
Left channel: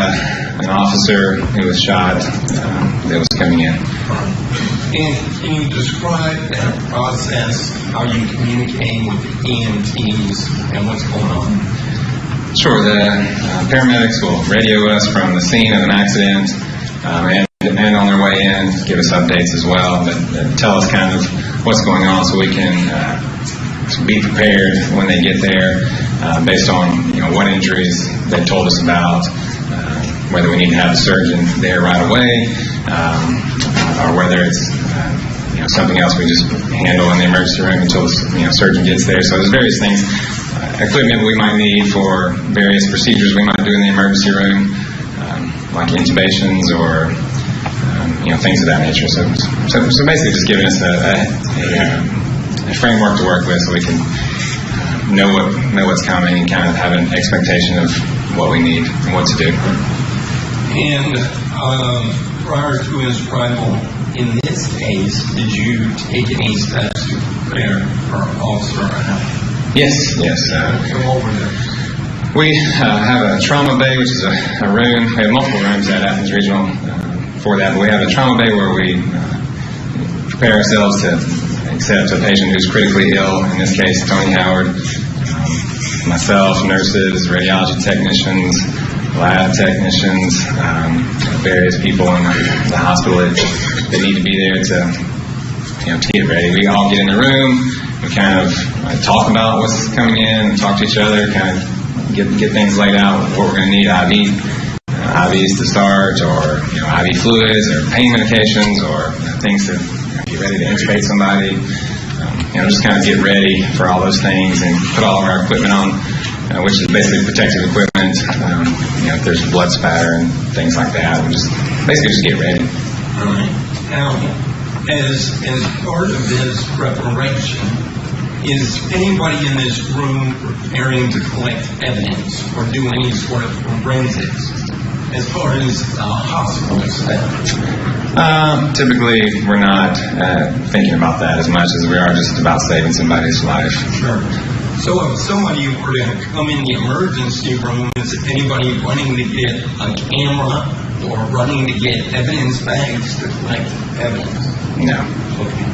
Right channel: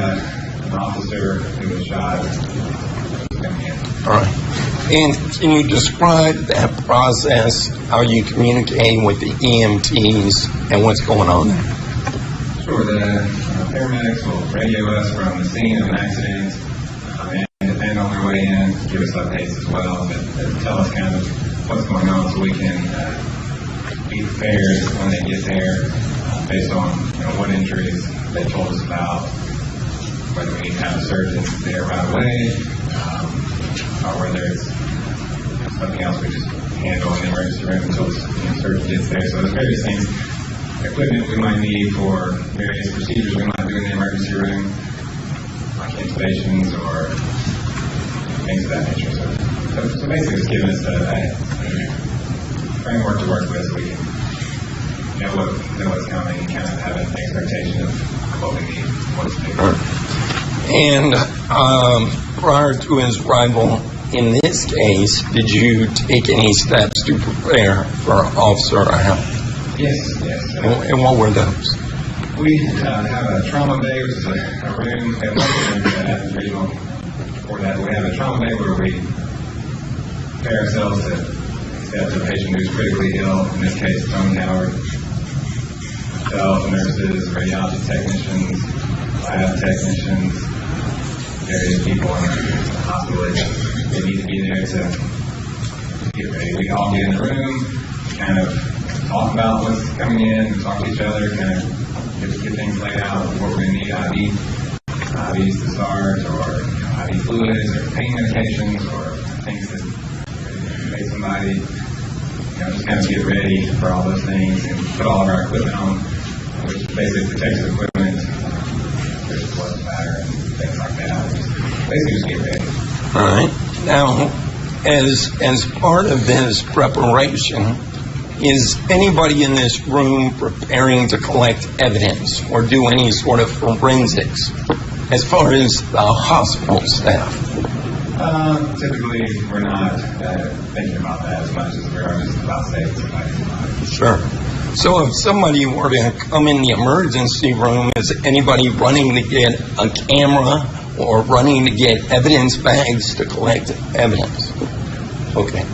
an officer who was shot that was coming in. All right. And can you describe that process, how you communicate with the EMTs and what's going on? Sure, the paramedics will radio us from the scene of an accident and on their way in, give us updates as well, that tell us kind of what's going on so we can be prepared when they get there based on what injuries they told us about, whether we need to have a surgeon there right away, or whether it's something else we just handle in the emergency room until the surgeon gets there. So there's various things, equipment we might need for various procedures we might do in the emergency room, like intubations or things of that nature. So basically just giving us a framework to work with so we can know what's coming and kind of have an expectation of what we need and what to do. And prior to his arrival in this case, did you take any steps to prepare for Officer Howard? Yes. And what were those? We have a trauma bay, which is a room. We have multiple rooms at Athens Regional for that. But we have a trauma bay where we prepare ourselves to accept a patient who's critically ill. In this case, Tony Howard. Myself, nurses, radiology technicians, lab technicians, various people in the hospital that need to be there to get ready. We all get in the room. We kind of talk about what's coming in, talk to each other, kind of get things laid out, what we're going to need, IVs to start, or IV fluids, or pain medications, or things to get ready to intubate somebody. Just kind of get ready for all those things and put all our equipment on, which is basically protective equipment. If there's blood spatter and things like that, we just get ready. All right. Now, as part of this preparation, is anybody in this room preparing to collect evidence or do any sort of forensics as far as the hospital staff? Typically, we're not thinking about that as much as we are just about saving somebody's life. Sure. So if somebody were to come in the emergency room, is anybody running to get a camera or running to get evidence bags to collect evidence? No. Okay.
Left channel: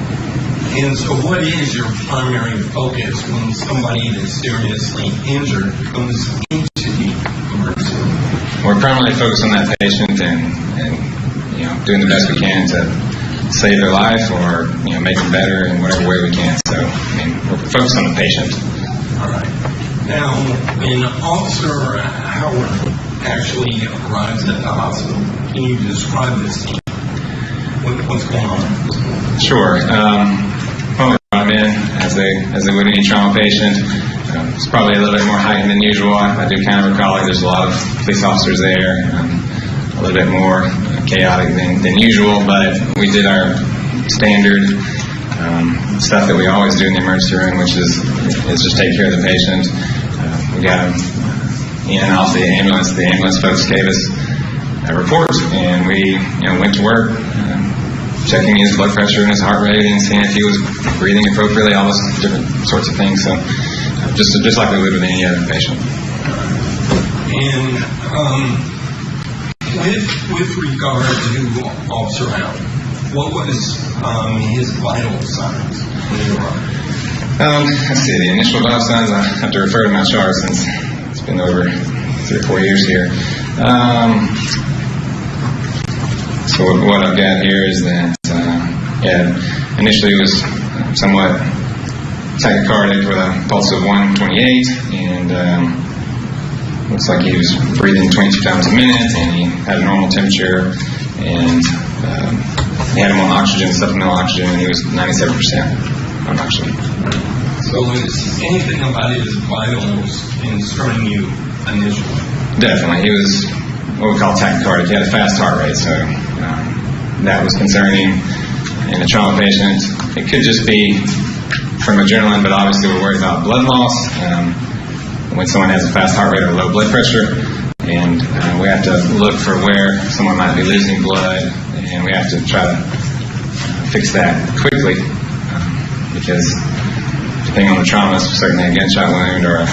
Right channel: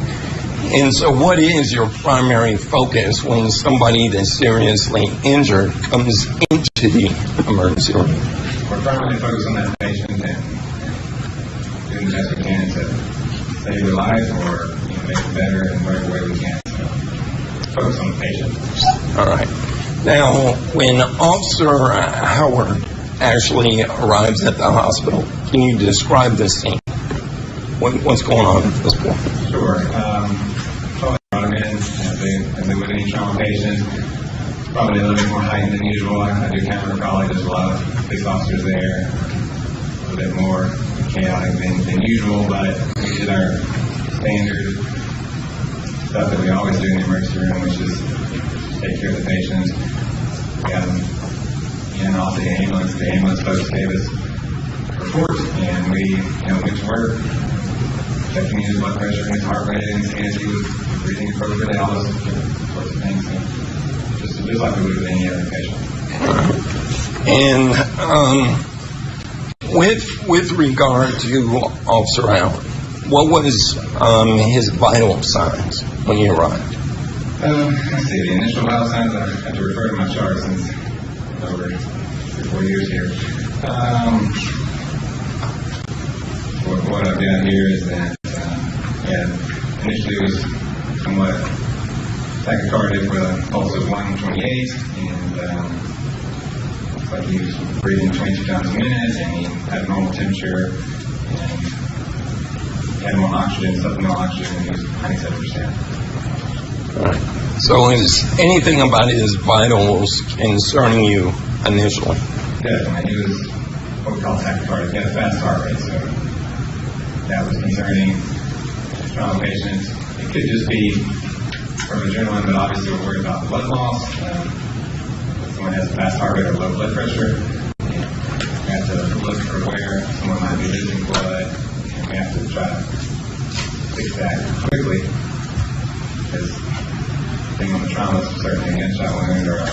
And so what is your primary focus when somebody that's seriously injured comes into the emergency room? We're primarily focused on that patient and doing the best we can to save their life or make it better in whatever way we can. So we're focused on the patient. All right. Now, when Officer Howard actually arrives at the hospital, can you describe the scene? What's going on at this point? Sure. Well, we brought him in as they would any trauma patient. It's probably a little bit more heightened than usual. I do kind of recall there's a lot of police officers there, a little bit more chaotic than usual, but we did our standard stuff that we always do in the emergency room, which is just take care of the patient. We got him in and off the ambulance. The ambulance folks gave us a report, and we went to work, checking his blood pressure and his heart rate and seeing if he was breathing appropriately, all those different sorts of things. So just like we would with any other patient. And with regard to Officer Howard, what was his vital signs when he arrived? Let's see, the initial vital signs, I have to refer to my chart since it's been over 3 or 4 years here. So what I've got here is that, initially it was somewhat tachycardic with a pulse of 128, and looks like he was breathing 22 times a minute, and he had a normal temperature, and he had him on oxygen, supplemental oxygen, and he was 97% on oxygen. So is anything about his vitals concerning you initially? Definitely. He was what we call tachycardic. He had a fast heart rate, so that was concerning in a trauma patient. It could just be from adrenaline, but obviously we're worried about blood loss when someone has a fast heart rate or low blood pressure, and we have to look for where someone might be losing blood, and we have to try to fix that quickly because depending on the trauma, certainly a gunshot wound or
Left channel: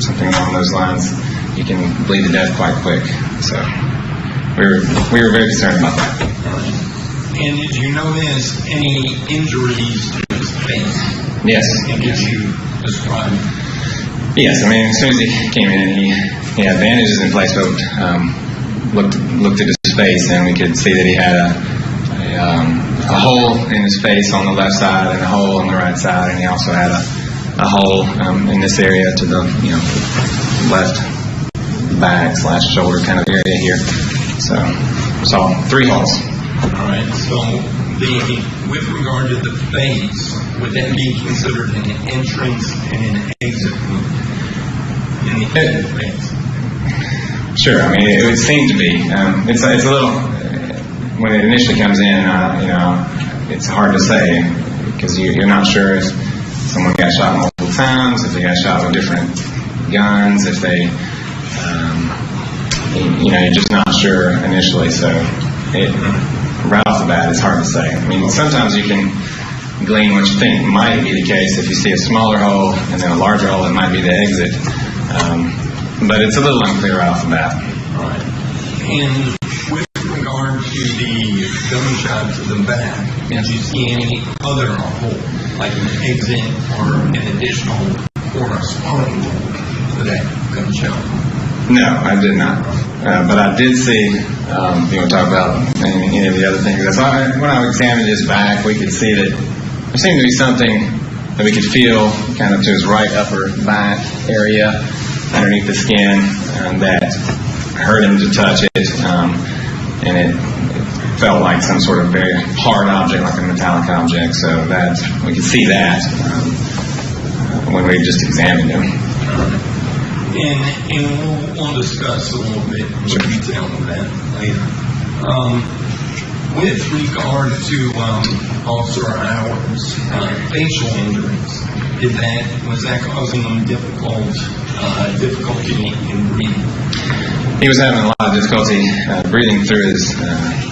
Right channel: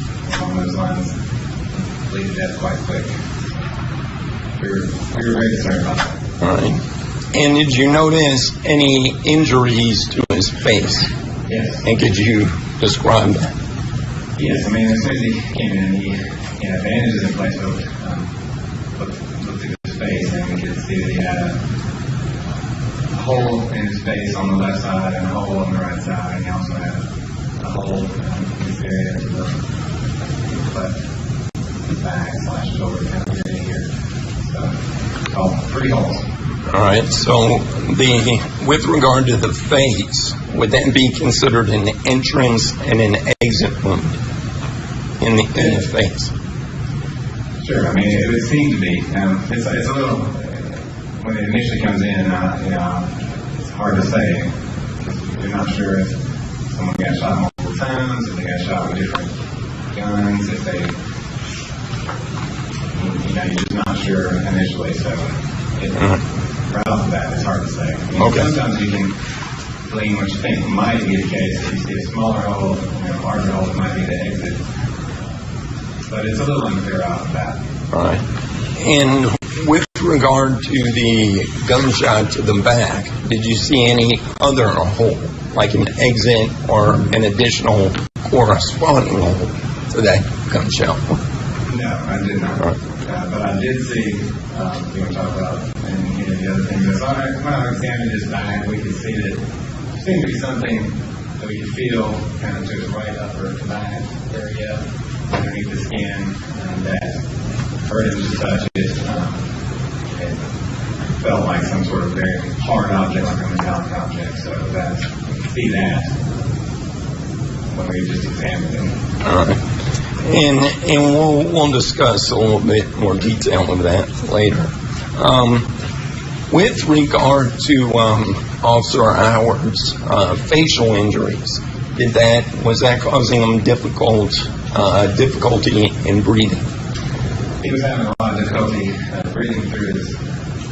something along those lines, you can bleed to death quite quick. So we were very concerned about that. All right. And did you notice any injuries to his face? Yes. And could you describe that? Yes. I mean, as soon as he came in, he had bandages in place, but looked at his face, and we could see that he had a hole in his face on the left side and a hole on the right side, and he also had a hole in this area to the left back / shoulder kind of area here. So 3 holes. All right. So with regard to the face, would that be considered an entrance and an exit wound in the face? Sure. I mean, it would seem to be. It's a little when it initially comes in. It's hard to say because you're not sure if someone got shot multiple times, if they got shot with different guns, if they, you're just not sure initially. So right off the bat, it's hard to say. I mean, sometimes you can glean what you think might be the case. If you see a smaller hole and then a larger hole, it might be the exit. But it's a little unclear right off the bat. All right. And with regard to the gunshot to the back, did you see any other hole, like an exit or an additional corresponding hole to that gunshot? No, I did not. But I did see, you want to talk about any of the other things. When I examined his back, we could see that there seemed to be something that we could feel kind of to his right upper back area underneath the skin that hurt him to touch it. And it felt like some sort of very hard object, like a metallic object. So that we could see that when we just examined him. And we'll discuss a little bit more detail of that later. With regard to Officer Howard's facial injuries, was that causing him difficulty in breathing? He was having a lot of difficulty breathing through his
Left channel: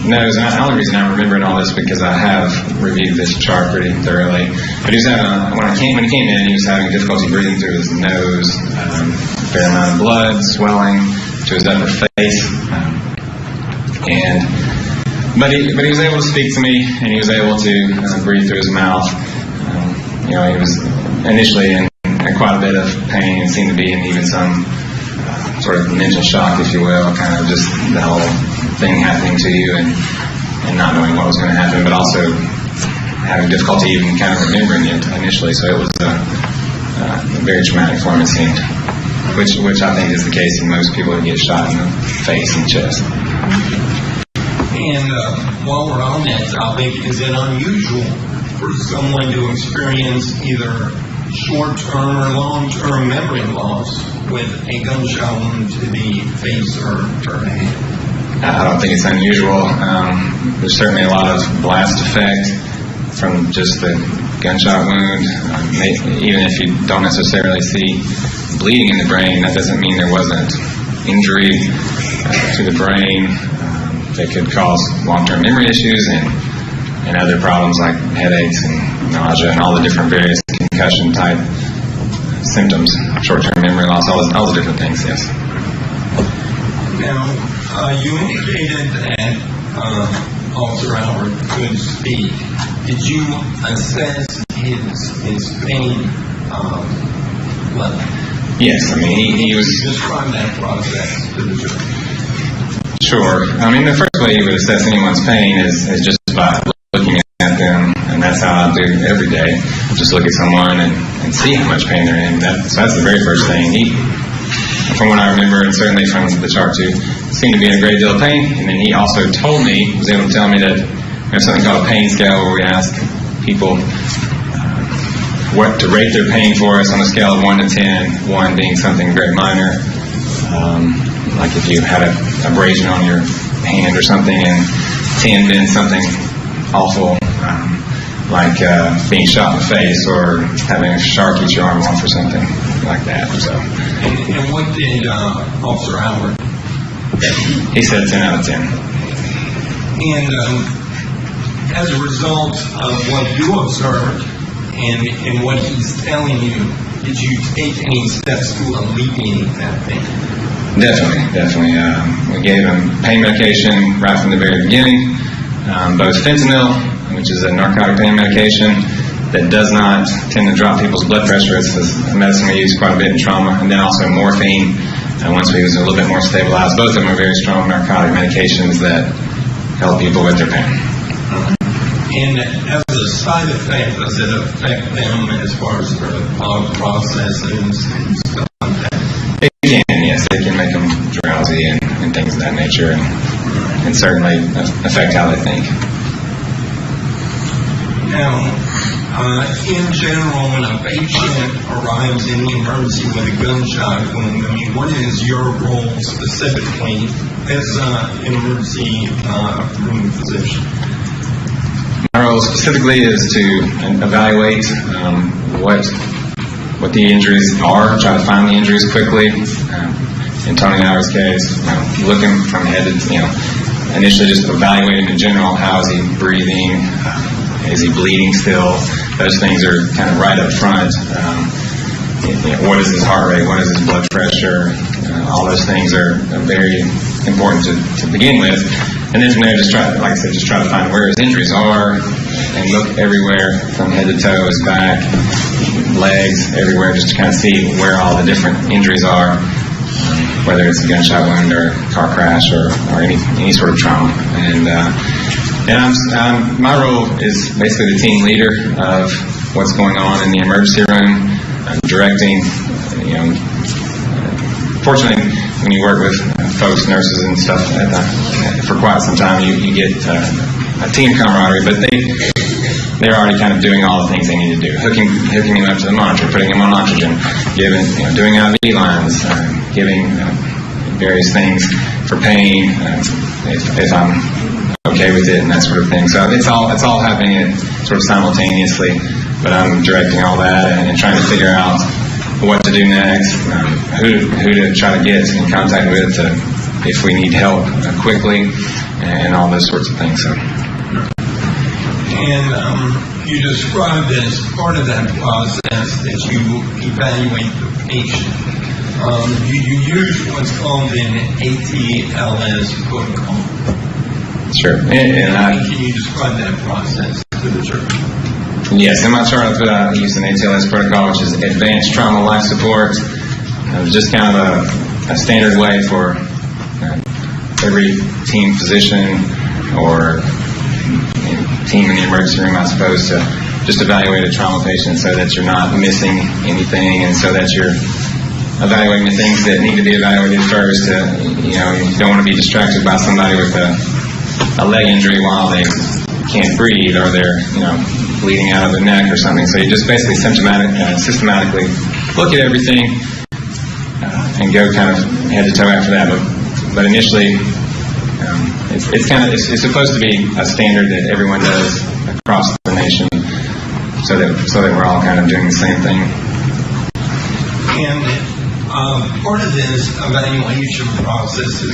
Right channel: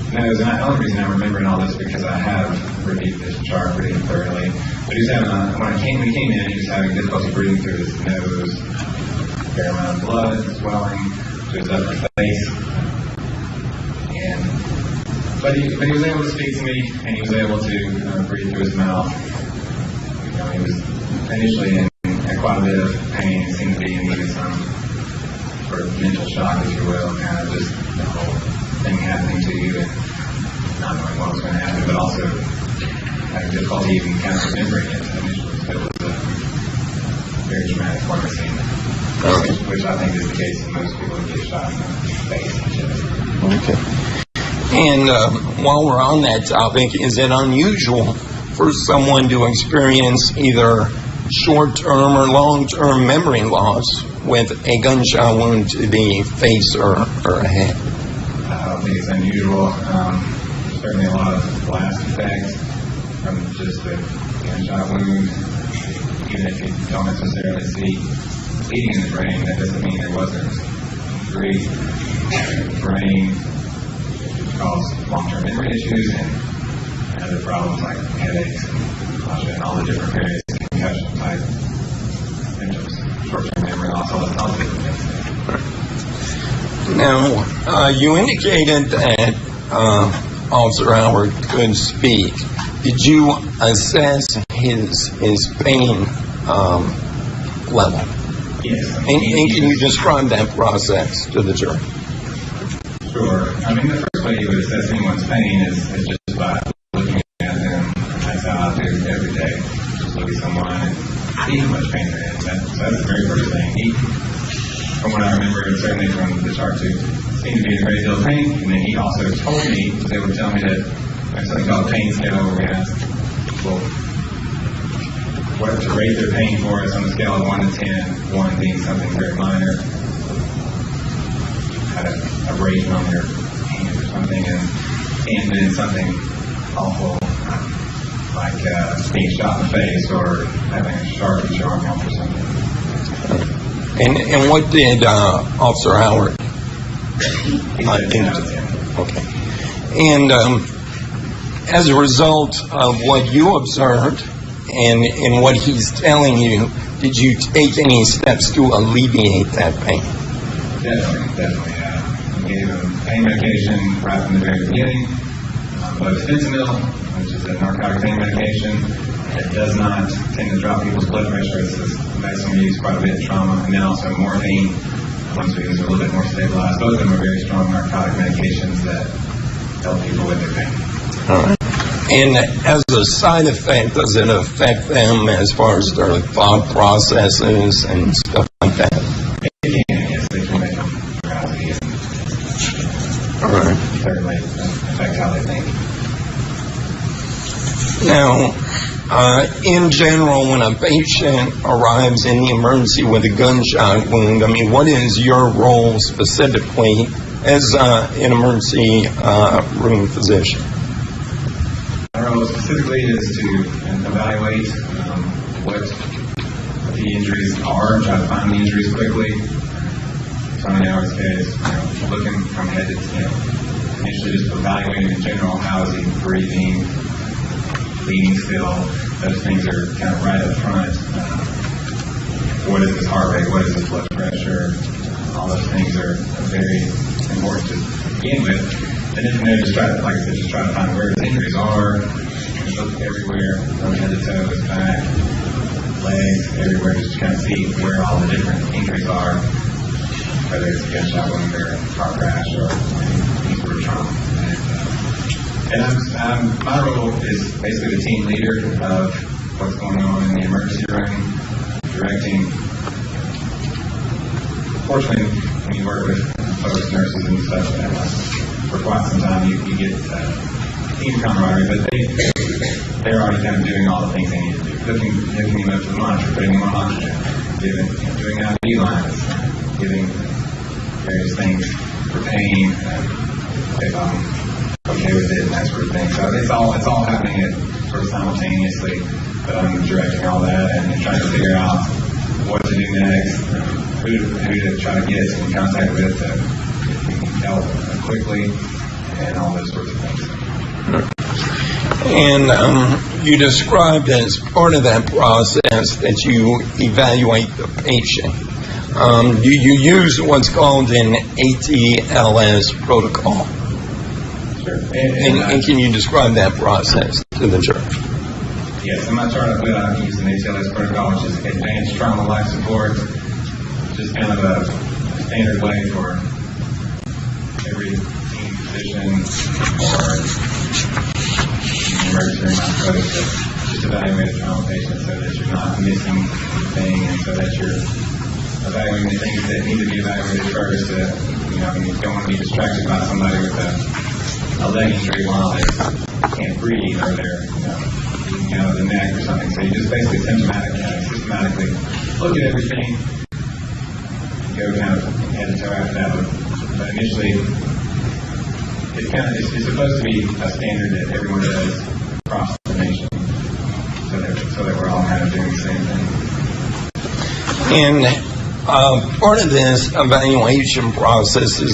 nose. And the only reason I remember all this because I have reviewed this chart pretty thoroughly. But he was having, when he came in, he was having difficulty breathing through his nose, a fair amount of blood, swelling to his upper face. But he was able to speak to me, and he was able to breathe through his mouth. He was initially in quite a bit of pain, seemed to be in even some sort of mental shock, if you will, kind of just the whole thing happening to you and not knowing what was going to happen, but also having difficulty even kind of remembering it initially. So it was very traumatic for him, it seemed, which I think is the case in most people who get shot in the face and chest. And while we're on that topic, is it unusual for someone to experience either short-term or long-term memory loss with a gunshot wound to the face or a head? I don't think it's unusual. There's certainly a lot of blast effect from just the gunshot wound. Even if you don't necessarily see bleeding in the brain, that doesn't mean there wasn't injury to the brain that could cause long-term memory issues and other problems like headaches and nausea and all the different various concussion type symptoms, short-term memory loss, all the different things, yes. Now, you indicated that Officer Howard could speak. Did you assess his pain level? Yes, I mean, he was... Describe that process to the jury. Sure. I mean, the first way you would assess anyone's pain is just by looking at them, and that's how I do every day. Just look at someone and see how much pain they're in. So that's the very first thing. From what I remember, and certainly from the chart too, seemed to be in a great deal of pain. And then he also told me, was able to tell me that there's something called a pain scale where we ask people what to rate their pain for us on a scale of 1 to 10, 1 being something very minor. Like if you had a abrasion on your hand or something, and 10 being something awful, like being shot in the face or having a shark eat your arm off or something like that. So. And what did Officer Howard? He said 10 out of 10. Okay. And as a result of what you observed and what he's telling you, did you take any steps to alleviate that pain? Definitely. We gave him pain medication right from the very beginning, both fentanyl, which is a narcotic pain medication that does not tend to drop people's blood pressure. It's a medicine we use quite a bit in trauma, and then also morphine. Once we was a little bit more stabilized, both of them are very strong narcotic medications that help people with their pain. And as a side effect, does it affect them as far as their thought processes and stuff like that? It can, yes. It can make them drowsy and things of that nature, and certainly affect how they think. Now, in general, when a patient arrives in the emergency with a gunshot wound, I mean, what is your role specifically as an emergency room physician? My role specifically is to evaluate what the injuries are, try to find the injuries quickly. In Tony Howard's case, looking from head to, initially just evaluate him in general. How is he breathing? Is he bleeding still? Those things are kind of right up front. What is his heart rate? What is his blood pressure? All those things are very important to begin with. And then from there, just try to find where his injuries are and look everywhere from head to toe, his back, legs, everywhere, just to kind of see where all the different injuries are, whether it's a gunshot wound or a car crash or any sort of trauma. And my role is basically the team leader of what's going on in the emergency room. I'm directing, fortunately, when you work with folks, nurses and stuff for quite some time, you get a team camaraderie, but they're already kind of doing all the things they need to do, hooking him up to the monitor, putting him on oxygen, doing IV lines, giving various things for pain, if I'm okay with it and that sort of thing. So it's all happening sort of simultaneously, but I'm directing all that and trying to figure out what to do next, who to try to get in contact with if we need help quickly, and all those sorts of things. So. And you described as part of that process that you evaluate the patient. You use what's called an ATLS protocol. Sure. And can you describe that process to the church? Yes, in my chart I use an ATLS protocol, which is Advanced Trauma Life Support. Just kind of a standard way for every team physician or team in the emergency room, I suppose, to just evaluate a trauma patient so that you're not missing anything and so that you're evaluating the things that need to be evaluated first. You don't want to be distracted by somebody with a leg injury while they can't breathe or they're, bleeding out of the neck or something. So you just basically systematically look at everything and go kind of head to toe after that. But initially, it's supposed to be a standard that everyone does across the nation, so that we're all kind of doing the same thing. And part of this evaluation process is